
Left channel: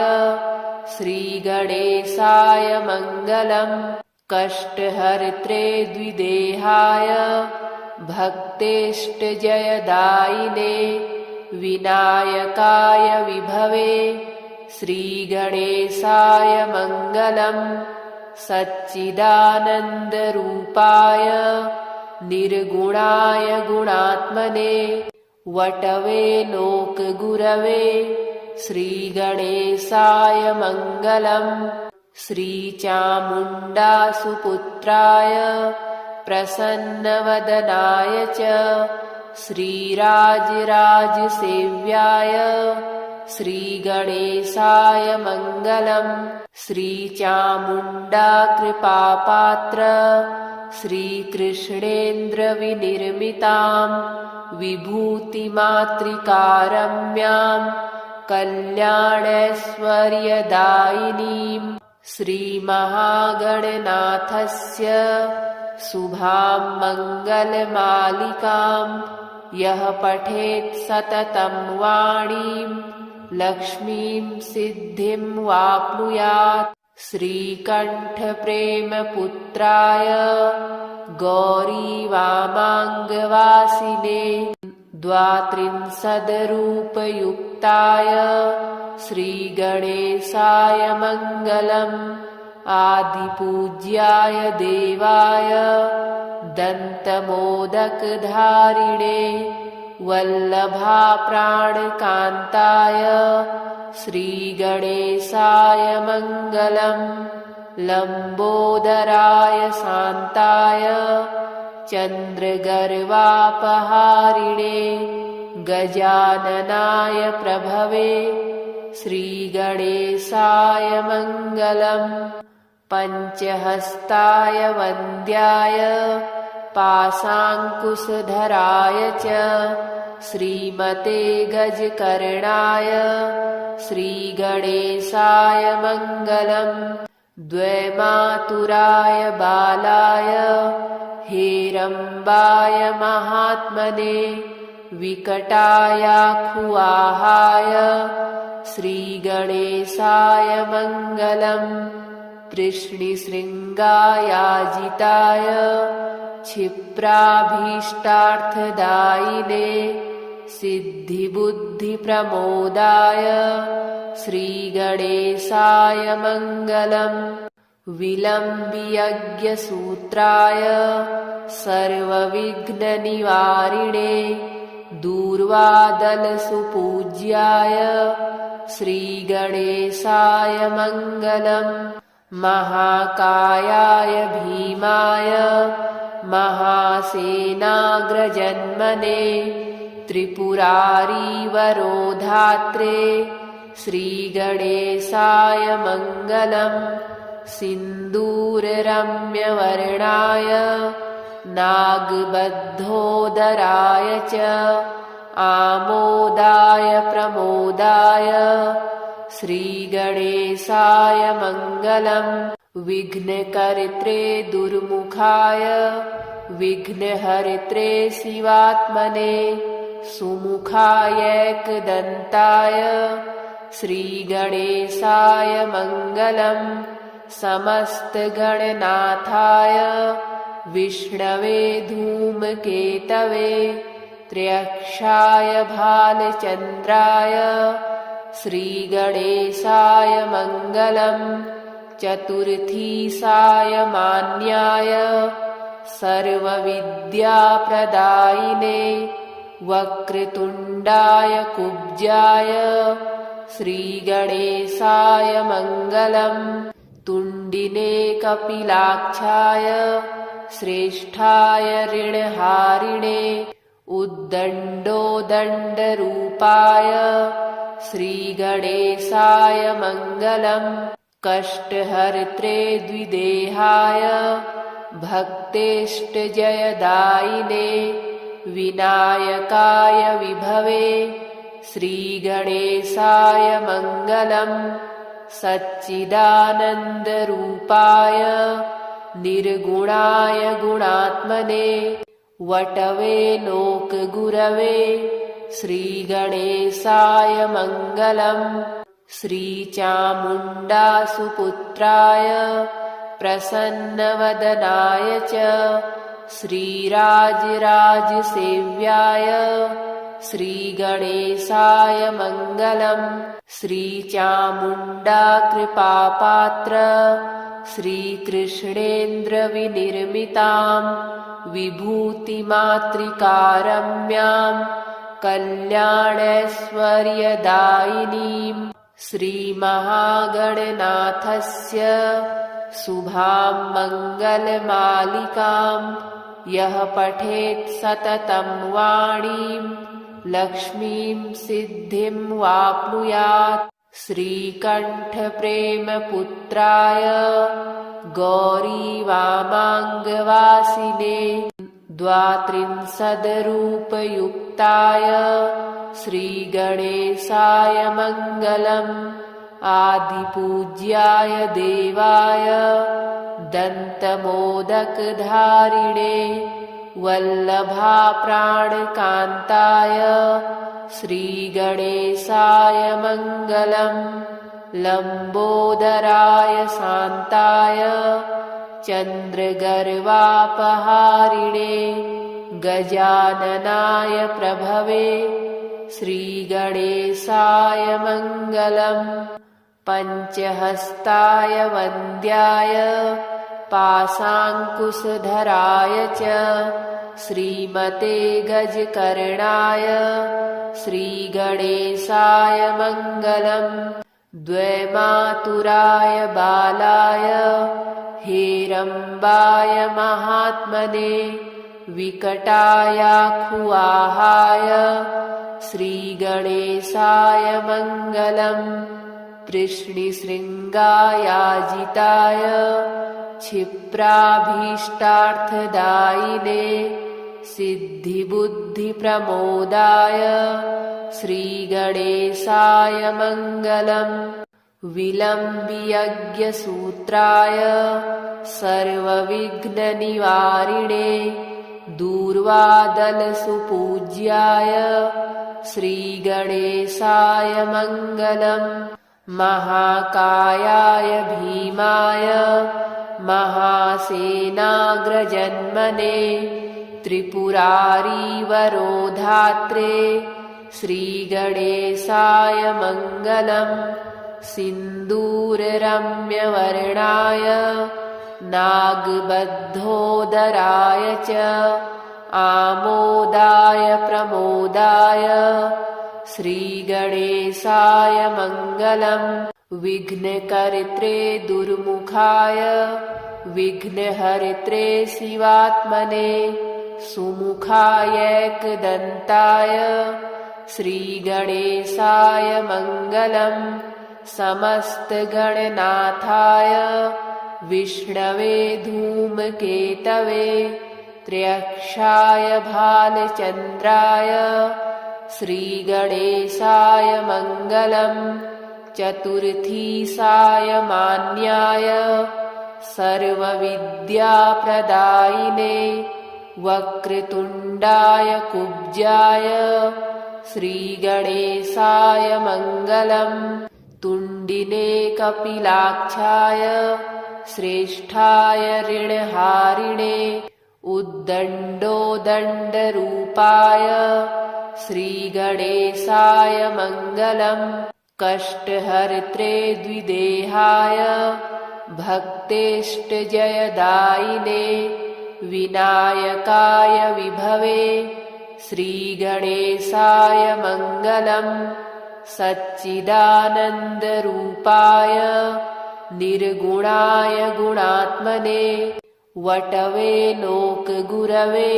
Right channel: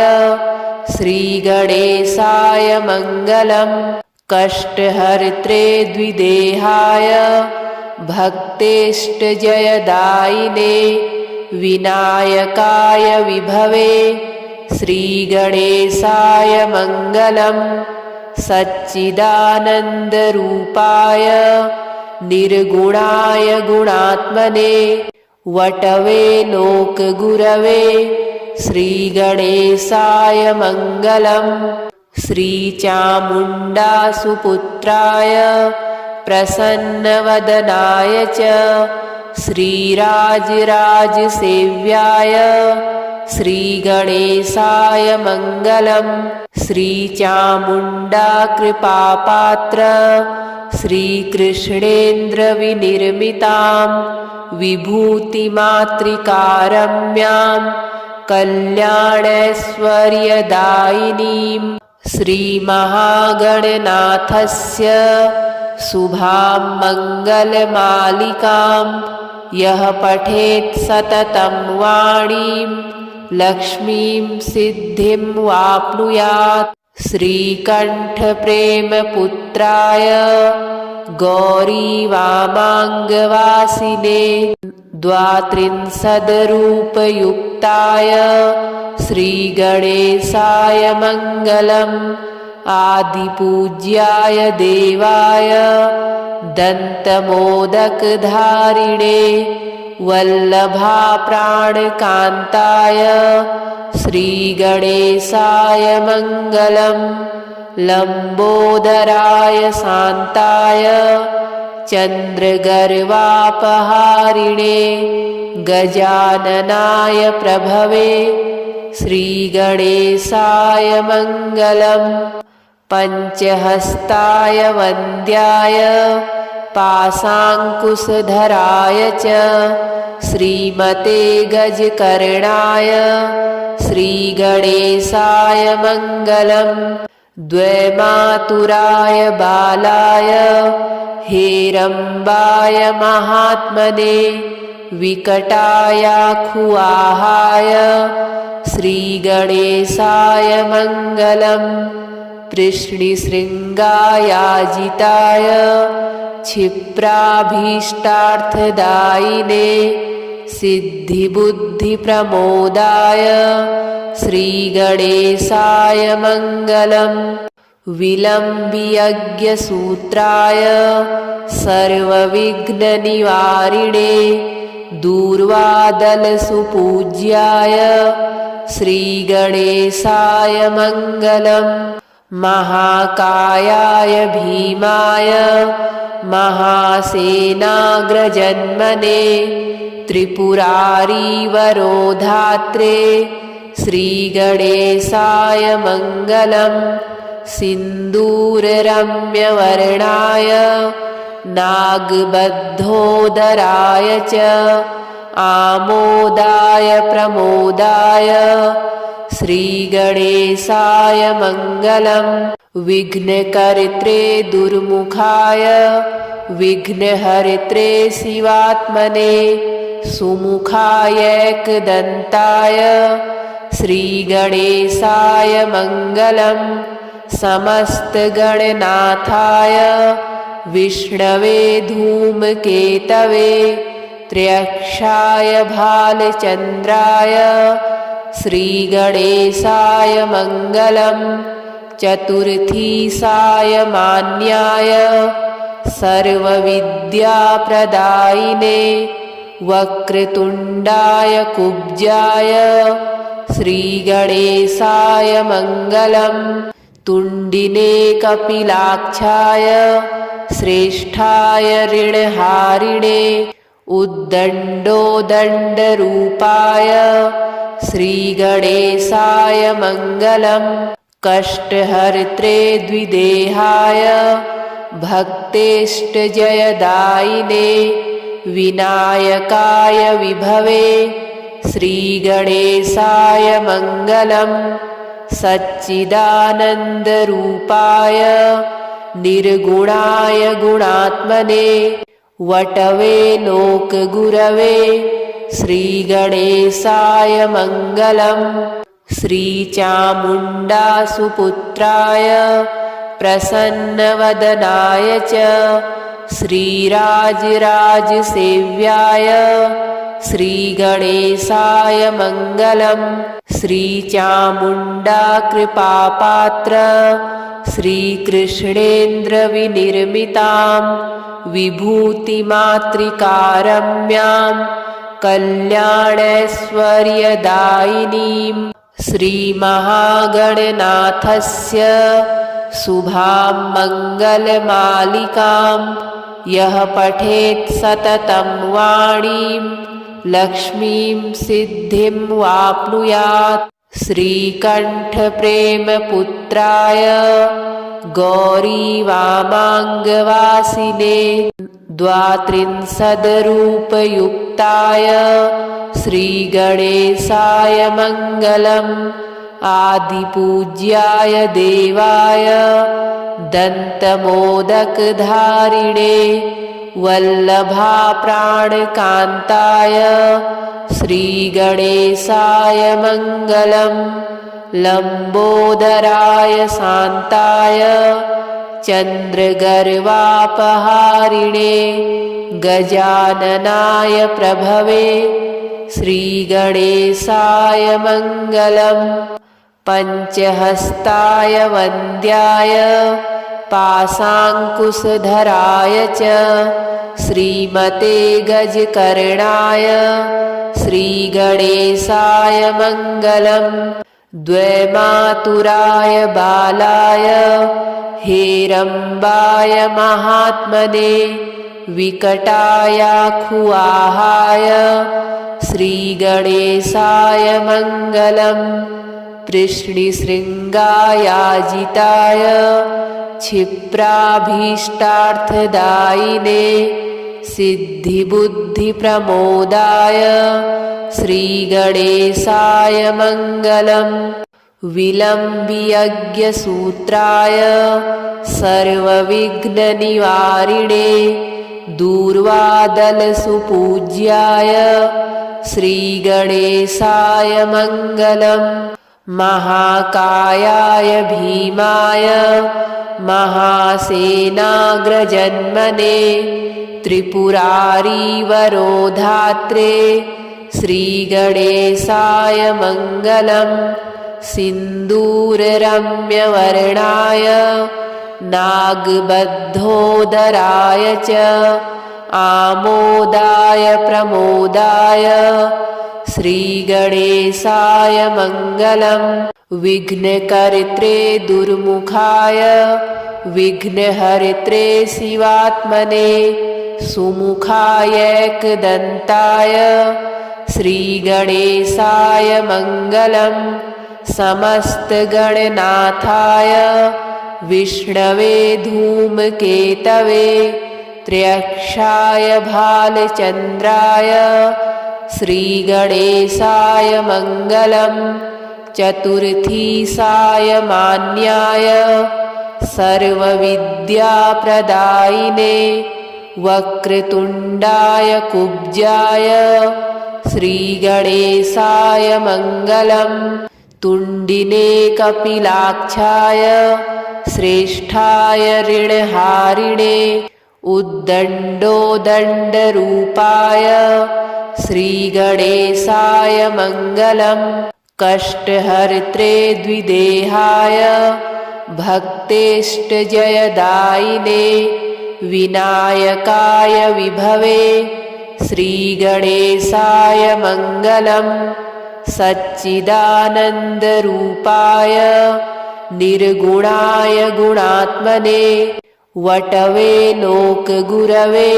श्रीगणेशाय मङ्गलम् कष्टहर्त्रे द्विदेहाय भक्तेष्टजयदायिने विनायकाय विभवे श्रीगणेशाय मङ्गलम् सच्चिदानन्दरूपाय निर्गुणाय गुणात्मने वटवे लोकगुरवे श्रीगणेशाय मङ्गलम् श्रीचामुण्डासुपुत्राय प्रसन्नवदनाय च श्रीराजराजसेव्याय श्रीगणेशाय मङ्गलम् श्रीचामुण्डाकृपापात्र श्रीकृष्णेन्द्रविनिर्मितां विभूतिमातृकारम्यां कल्याणैश्वर्यदायिनीं श्रीमहागणनाथस्य शुभां मङ्गलमालिकां यः पठेत् सततं वाणीं लक्ष्मीं सिद्धिं वाप्नुयात् श्रीकण्ठप्रेमपुत्राय गौरीवामाङ्गवासिने द्वात्रिंशद्रूपयुक्ताय श्रीगणेशाय मङ्गलम् आदिपूज्याय देवाय दन्तमोदकधारिणे वल्लभाप्राणकान्ताय श्रीगणेशाय मङ्गलम् लम्बोदराय शान्ताय चन्द्रगर्वापहारिणे गजाननाय प्रभवे श्रीगणेशाय मङ्गलम् पञ्चहस्ताय वन्द्याय पाशाङ्कुशधराय च श्रीमते गजकर्णाय श्रीगणेशाय मङ्गलम् द्वैमातुराय बालाय हेरम्बाय महात्मने विकटायाखुआहाय श्रीगणेशाय मङ्गलम् कृष्णशृङ्गायाजिताय क्षिप्राभीष्टार्थदायिने सिद्धिबुद्धिप्रमोदाय श्रीगणेशाय मङ्गलम् विलम्बियज्ञसूत्राय सर्वविघ्ननिवारिणे दूर्वादलसुपूज्याय श्रीगणेशाय मङ्गलम् महाकायाय भीमाय महासेनाग्रजन्मने त्रिपुरारीवरोधात्रे श्रीगणेशाय मङ्गलम् सिन्दूररम्यवर्णाय नागबद्धोदराय च आमोदाय प्रमोदाय श्रीगणेशाय मङ्गलम् विघ्नकर्त्रे दुर्मुखाय विघ्नहर्त्रे शिवात्मने सुमुखायैकदन्ताय श्रीगणेशाय मङ्गलम् समस्तगणनाथाय विष्णवे धूमकेतवे त्र्यक्षाय भालचन्द्राय श्रीगणेशाय मङ्गलम् चतुर्थीसाय मान्याय सर्वविद्याप्रदायिने वक्रतुण्डाय कुब्जाय श्रीगणेशाय मङ्गलम् तुण्डिने कपिलाक्षाय श्रेष्ठाय ऋणहारिणे उद्दण्डोदण्डरूपाय श्रीगणेशाय मङ्गलम् कष्टहर्त्रे द्विदेहाय भक्तेष्टजयदायिने विनायकाय विभवे श्रीगणेशाय मङ्गलम् सच्चिदानन्दरूपाय निर्गुणाय गुणात्मने वटवे लोकगुरवे श्रीगणेशाय मङ्गलम्। श्रीचामुण्डासुपुत्राय प्रसन्नवदनाय च श्रीराजराजसेव्याय श्रीगणेशाय मङ्गलम्। श्रीचामुण्डा कृपापात्र श्रीकृष्णेन्द्रविनिर्मितां विभूतिमातृकारम्यां कल्याणैश्वर्यदायिनीं श्रीमहागणनाथस्य शुभां मङ्गलमालिकां यः पठेत् सततं वाणीं लक्ष्मीं सिद्धिं वाप्नुयात्। श्रीकण्ठप्रेमपुत्राय गौरीवामाङ्गवासिने द्वात्रिंशद्रूपयुक्ताय श्रीगणेशाय मङ्गलम्। आदिपूज्याय देवाय दन्तमोदकधारिणे वल्लभाप्राणकान्ताय श्रीगणेशाय मङ्गलम्। लम्बोदराय शान्ताय चन्द्रगर्वापहारिणे गजाननाय प्रभवे श्रीगणेशाय मङ्गलम्। पञ्चहस्ताय वन्द्याय पाशाङ्कुशधराय च श्रीमते गजकर्णाय श्रीगणेशाय मङ्गलम्। द्वैमातुराय बालाय हेरम्बाय महात्मने विकटायाखुवाहाय श्रीगणेशाय मङ्गलम्। कृष्णशृङ्गायाजिताय क्षिप्राभीष्टार्थदायिने सिद्धिबुद्धिप्रमोदाय श्रीगणेशाय मङ्गलम्। विलम्बियज्ञसूत्राय सर्वविघ्ननिवारिणे दूर्वादलसुपूज्याय श्रीगणेशाय मङ्गलम्। महाकायाय भीमाय महासेनाग्रजन्मने त्रिपुरारीवरोधात्रे श्रीगणेशाय मङ्गलम्। सिन्दूररम्यवर्णाय नागबद्धोदराय च आमोदाय प्रमोदाय श्रीगणेशाय मङ्गलम्। विघ्नकर्त्रे दुर्मुखाय विघ्नहर्त्रे शिवात्मने सुमुखायैकदन्ताय श्रीगणेशाय मङ्गलम्। समस्तगणनाथाय विष्णवे धूमकेतवे त्र्यक्षाय भालचन्द्राय श्रीगणेशाय मङ्गलम्। चतुर्थीशाय मान्याय सर्वविद्याप्रदायिने वक्रतुण्डाय कुब्जाय श्रीगणेशाय मङ्गलम्। तुण्डिने कपिलाक्षाय श्रेष्ठाय ऋणहारिणे उद्दण्डोदण्डरूपाय श्रीगणेशाय मङ्गलम्। कष्टहर्त्रे द्विदेहाय भक्तेष्टजयदायिने विनायकाय विभवे श्रीगणेशाय मङ्गलम्। सच्चिदानन्दरूपाय निर्गुणाय गुणात्मने वटवे लोकगुरवे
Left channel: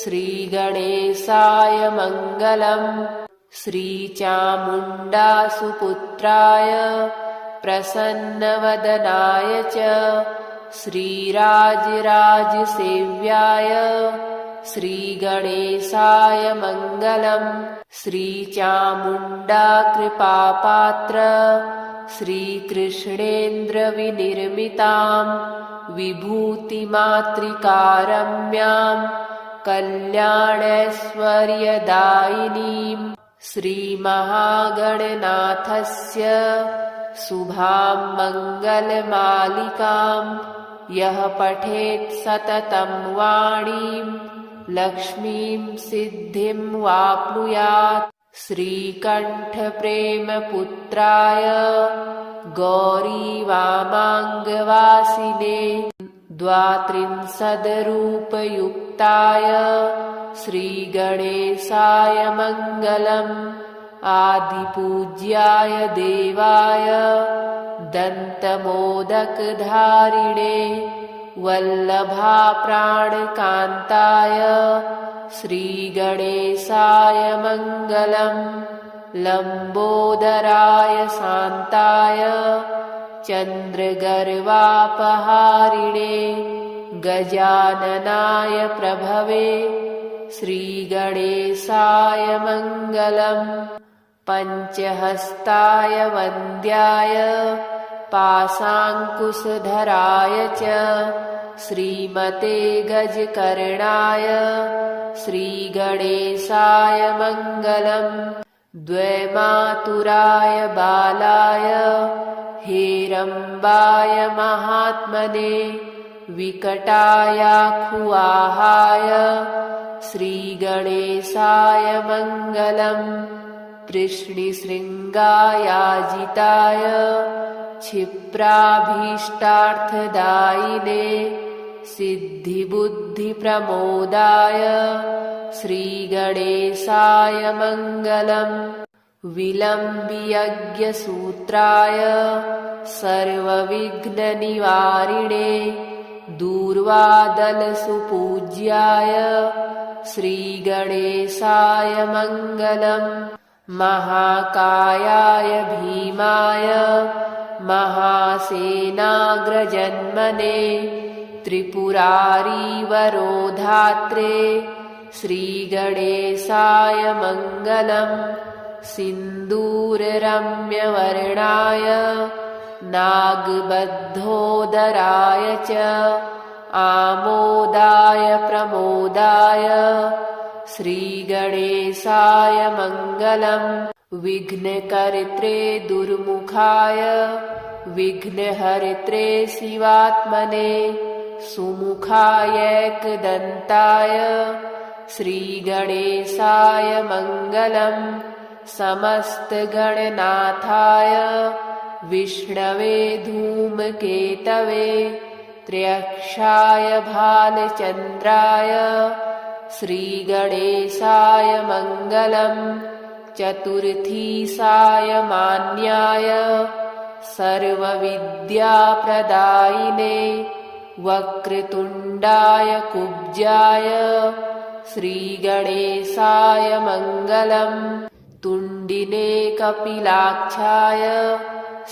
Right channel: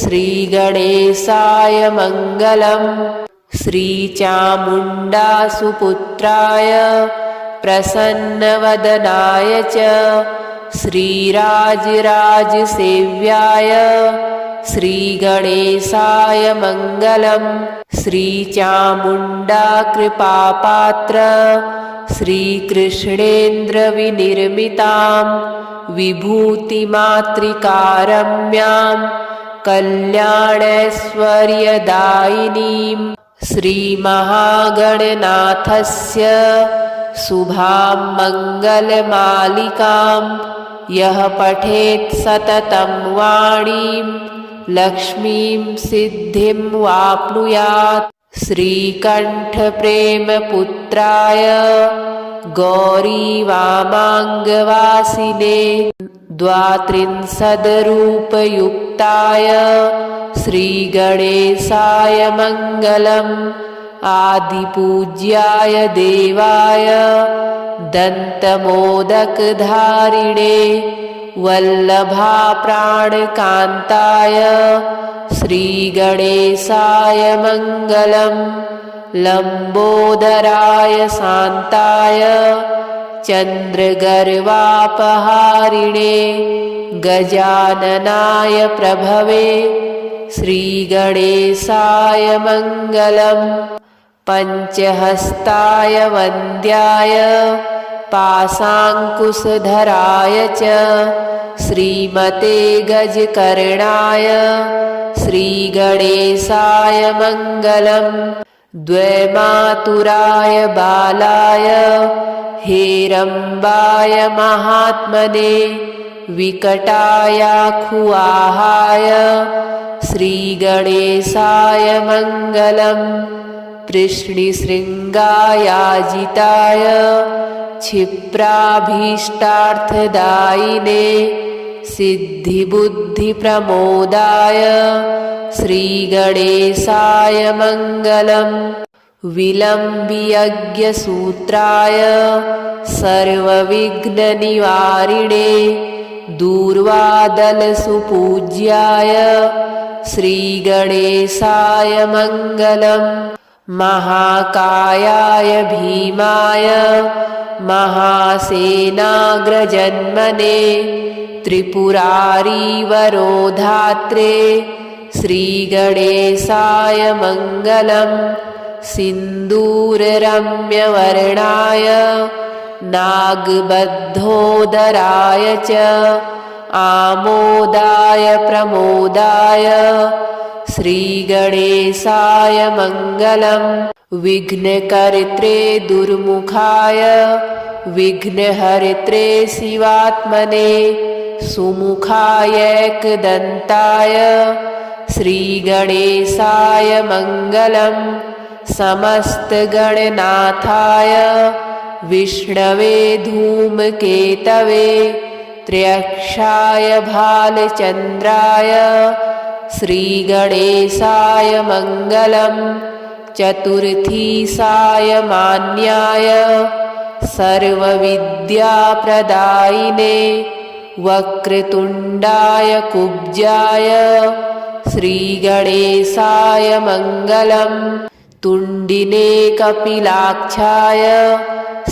श्रीगणेशाय मङ्गलम्। श्रीचामुण्डासुपुत्राय प्रसन्नवदनाय च श्रीराजराजसेव्याय श्रीगणेशाय मङ्गलम्। श्रीचामुण्डा कृपापात्र श्रीकृष्णेन्द्रविनिर्मितां विभूतिमातृकारम्यां कल्याणैश्वर्यदायिनीं श्रीमहागणनाथस्य शुभां मङ्गलमालिकां यः पठेत् सततं वाणीं लक्ष्मीं सिद्धिं वाप्नुयात्। श्रीकण्ठप्रेमपुत्राय गौरीवामाङ्गवासिने द्वात्रिंशद्रूपयुक्ताय श्रीगणेशाय मङ्गलम्। आदिपूज्याय देवाय दन्तमोदकधारिणे वल्लभाप्राणकान्ताय श्रीगणेशाय मङ्गलम्। लम्बोदराय शान्ताय चन्द्रगर्वापहारिणे गजाननाय प्रभवे श्रीगणेशाय मङ्गलम्। पञ्चहस्ताय वन्द्याय पाशाङ्कुशधराय च श्रीमते गजकर्णाय श्रीगणेशाय मङ्गलम्। द्वैमातुराय बालाय हेरम्बाय महात्मने विकटायाखुवाहाय श्रीगणेशाय मङ्गलम्। कृष्णशृङ्गायाजिताय क्षिप्राभीष्टार्थदायिने सिद्धिबुद्धिप्रमोदाय श्रीगणेशाय मङ्गलम्। विलम्बियज्ञसूत्राय सर्वविघ्ननिवारिणे दूर्वादलसुपूज्याय श्रीगणेशाय मङ्गलम्। महाकायाय भीमाय महासेनाग्रजन्मने त्रिपुरारीवरोधात्रे श्रीगणेशाय मङ्गलम्। सिन्दूररम्यवर्णाय नागबद्धोदराय च आमोदाय प्रमोदाय श्रीगणेशाय मङ्गलम्। विघ्नकर्त्रे दुर्मुखाय विघ्नहर्त्रे शिवात्मने सुमुखायैकदन्ताय श्रीगणेशाय मङ्गलम्। समस्तगणनाथाय विष्णवे धूमकेतवे त्र्यक्षाय भालचन्द्राय श्रीगणेशाय मङ्गलम्। चतुर्थीसाय मान्याय सर्वविद्याप्रदायिने वक्रतुण्डाय कुब्जाय श्रीगणेशाय मङ्गलम्। तुण्डिने कपिलाक्षाय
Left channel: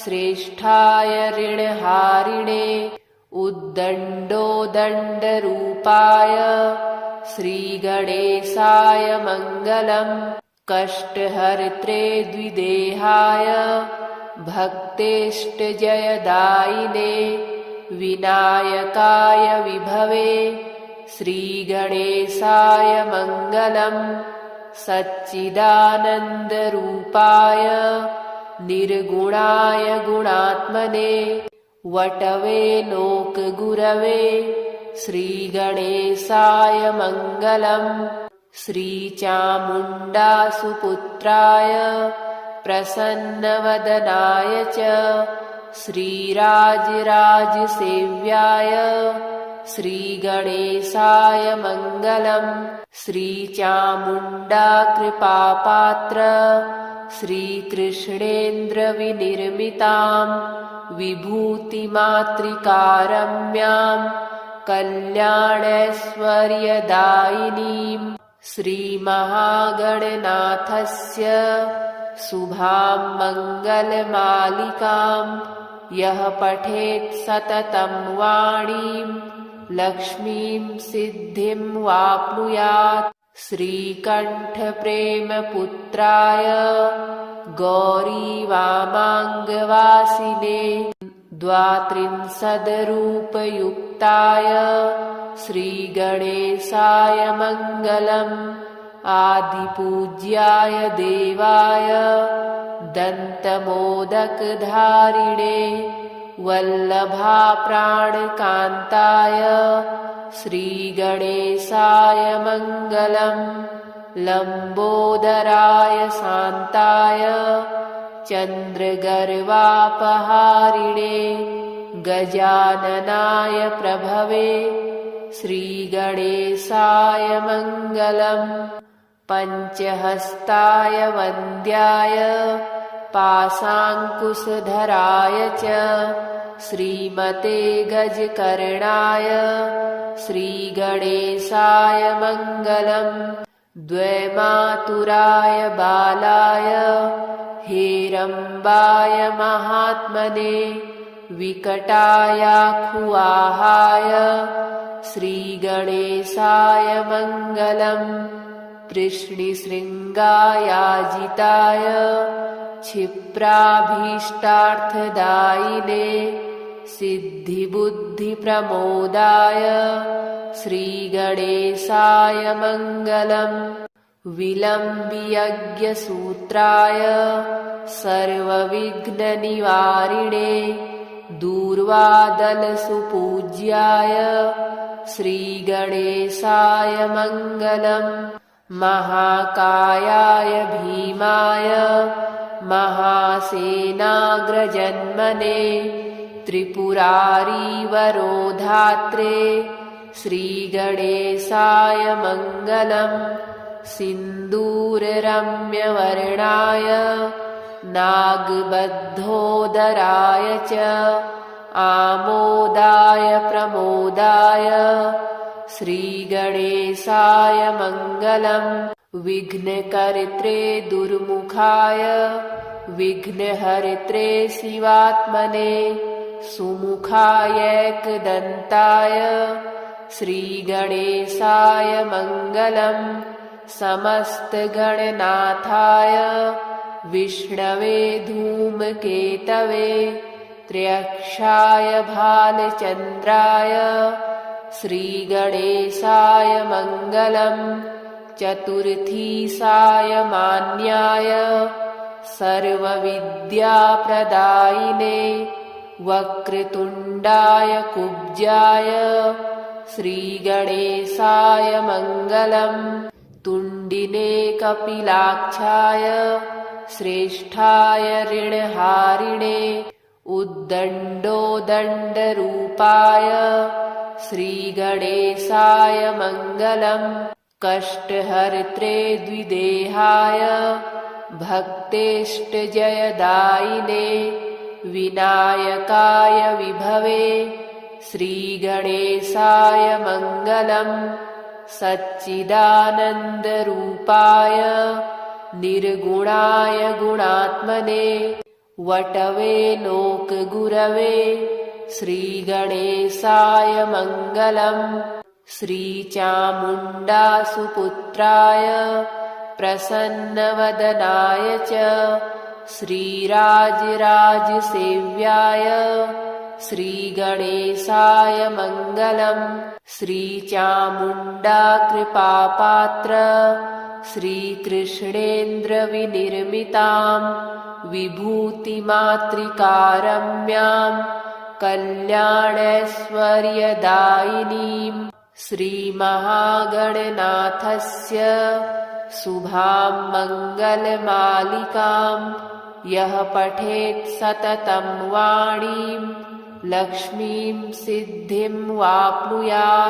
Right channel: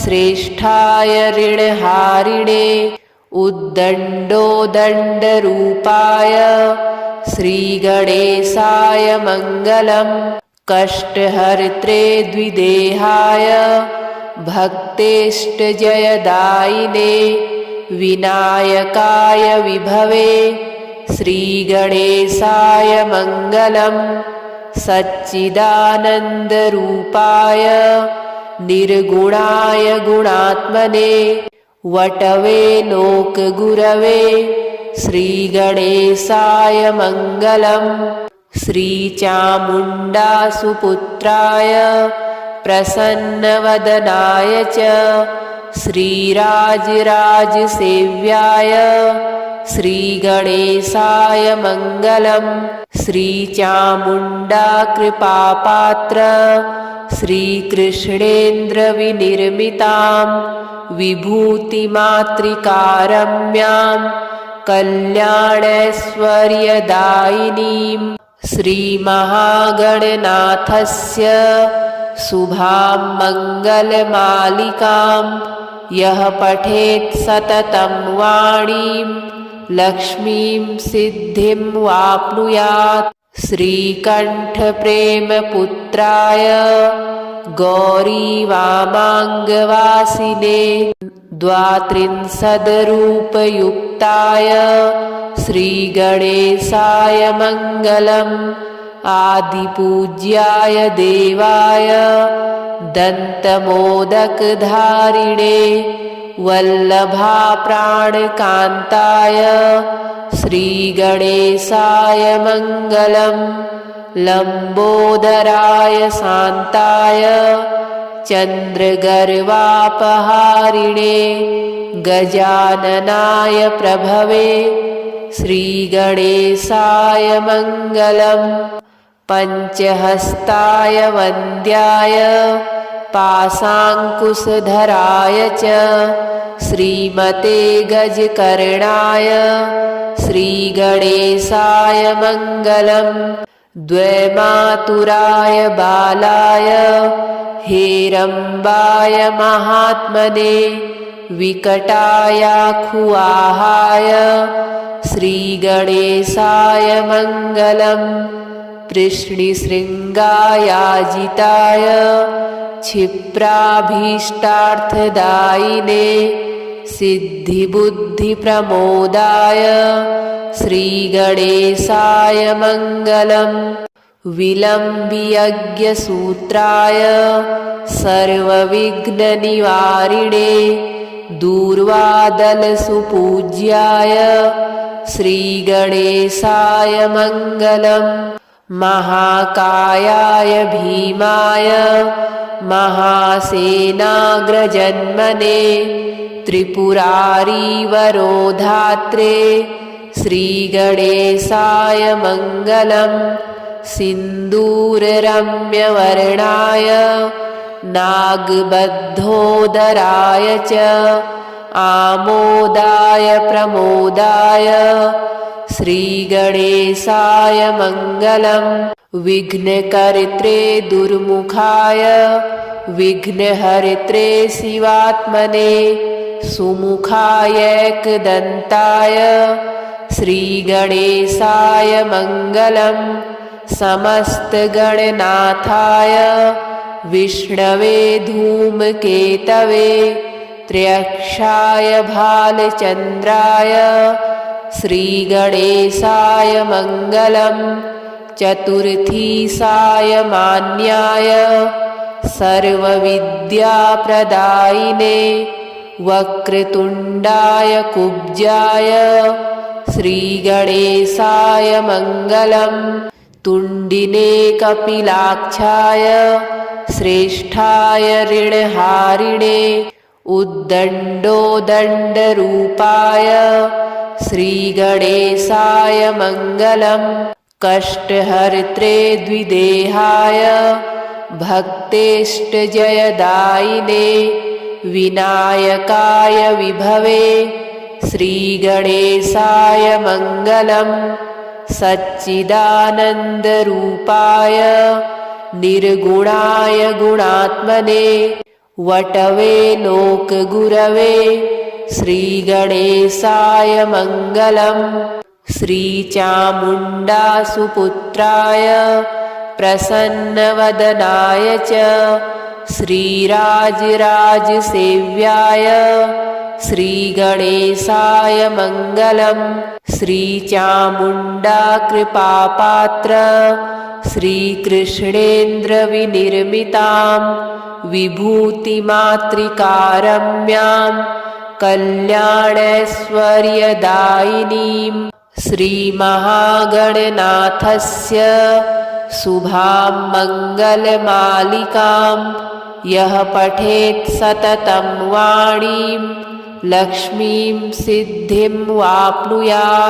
श्रेष्ठाय ऋणहारिणे उद्दण्डोदण्डरूपाय श्रीगणेशाय मङ्गलम्। कष्टहर्त्रे द्विदेहाय भक्तेष्टजयदायिने विनायकाय विभवे श्रीगणेशाय मङ्गलम्। सच्चिदानन्दरूपाय निर्गुणाय गुणात्मने वटवे लोकगुरवे श्रीगणेशाय मङ्गलम्। श्रीचामुण्डासुपुत्राय प्रसन्नवदनाय च श्रीराजराजसेव्याय श्रीगणेशाय मङ्गलम्। श्रीचामुण्डाकृपापात्र श्रीकृष्णेन्द्रविनिर्मितां विभूतिमातृकारम्यां कल्याणैश्वर्यदायिनीं श्रीमहागणनाथस्य शुभां मङ्गलमालिकां यः पठेत् सततं वाणीं लक्ष्मीं सिद्धिं वाप्नुयात्। श्रीकण्ठप्रेमपुत्राय गौरी वामाङ्गवासिने द्वात्रिंशद्रूपयुक्ताय श्रीगणेशाय मङ्गलम् आदिपूज्याय देवाय दन्तमोदकधारिणे वल्लभाप्राणकान्ताय श्रीगणेशाय मङ्गलम् लम्बोदराय शान्ताय चन्द्रगर्वापहारिणे गजाननाय प्रभवे श्रीगणेशाय मङ्गलम् पञ्चहस्ताय वन्द्याय पाशाङ्कुशधराय च श्रीमते गजकर्णाय श्रीगणेशाय मङ्गलम् द्वैमातुराय बालाय हेरम्बाय महात्मने विकटायाखुआहाय श्रीगणेशाय मङ्गलम् कृष्णशृङ्गायाजिताय क्षिप्राभीष्टार्थदायिने सिद्धिबुद्धिप्रमोदाय श्रीगणेशाय मङ्गलम् विलम्बियज्ञसूत्राय सर्वविघ्ननिवारिणे दूर्वादलसुपूज्याय श्रीगणेशाय मङ्गलम् महाकायाय भीमाय महासेनाग्रजन्मने त्रिपुरारीवरोधात्रे श्रीगणेशाय मङ्गलम् सिन्दूररम्यवर्णाय नागबद्धोदराय च आमोदाय प्रमोदाय श्रीगणेशाय मङ्गलम् विघ्नकर्त्रे दुर्मुखाय विघ्नहर्त्रे शिवात्मने सुमुखायैकदन्ताय श्रीगणेशाय मङ्गलम् समस्तगणनाथाय विष्णवे धूमकेतवे त्र्यक्षाय भालचन्द्राय श्रीगणेशाय मङ्गलम् चतुर्थीशाय मान्याय सर्वविद्याप्रदायिने वक्रतुण्डाय कुब्जाय श्रीगणेशाय मङ्गलम् तुण्डिने कपिलाक्षाय श्रेष्ठाय ऋणहारिणे उद्दण्डोदण्डरूपाय श्रीगणेशाय मङ्गलम् कष्टहर्त्रे द्विदेहाय भक्तेष्टजयदायिने विनायकाय विभवे श्रीगणेशाय मङ्गलम् सच्चिदानन्दरूपाय निर्गुणाय गुणात्मने वटवे लोकगुरवे श्रीगणेशाय मङ्गलम् श्रीचामुण्डासुपुत्राय प्रसन्नवदनाय च श्रीराजराजसेव्याय श्रीगणेशाय मङ्गलम् श्रीचामुण्डाकृपापात्र श्रीकृष्णेन्द्रविनिर्मितां विभूतिमातृकारम्यां कल्याणैश्वर्यदायिनीं श्रीमहागणनाथस्य शुभां मङ्गलमालिकां यः पठेत् सततं वाणीं लक्ष्मीं सिद्धिं वाप्नुयात्।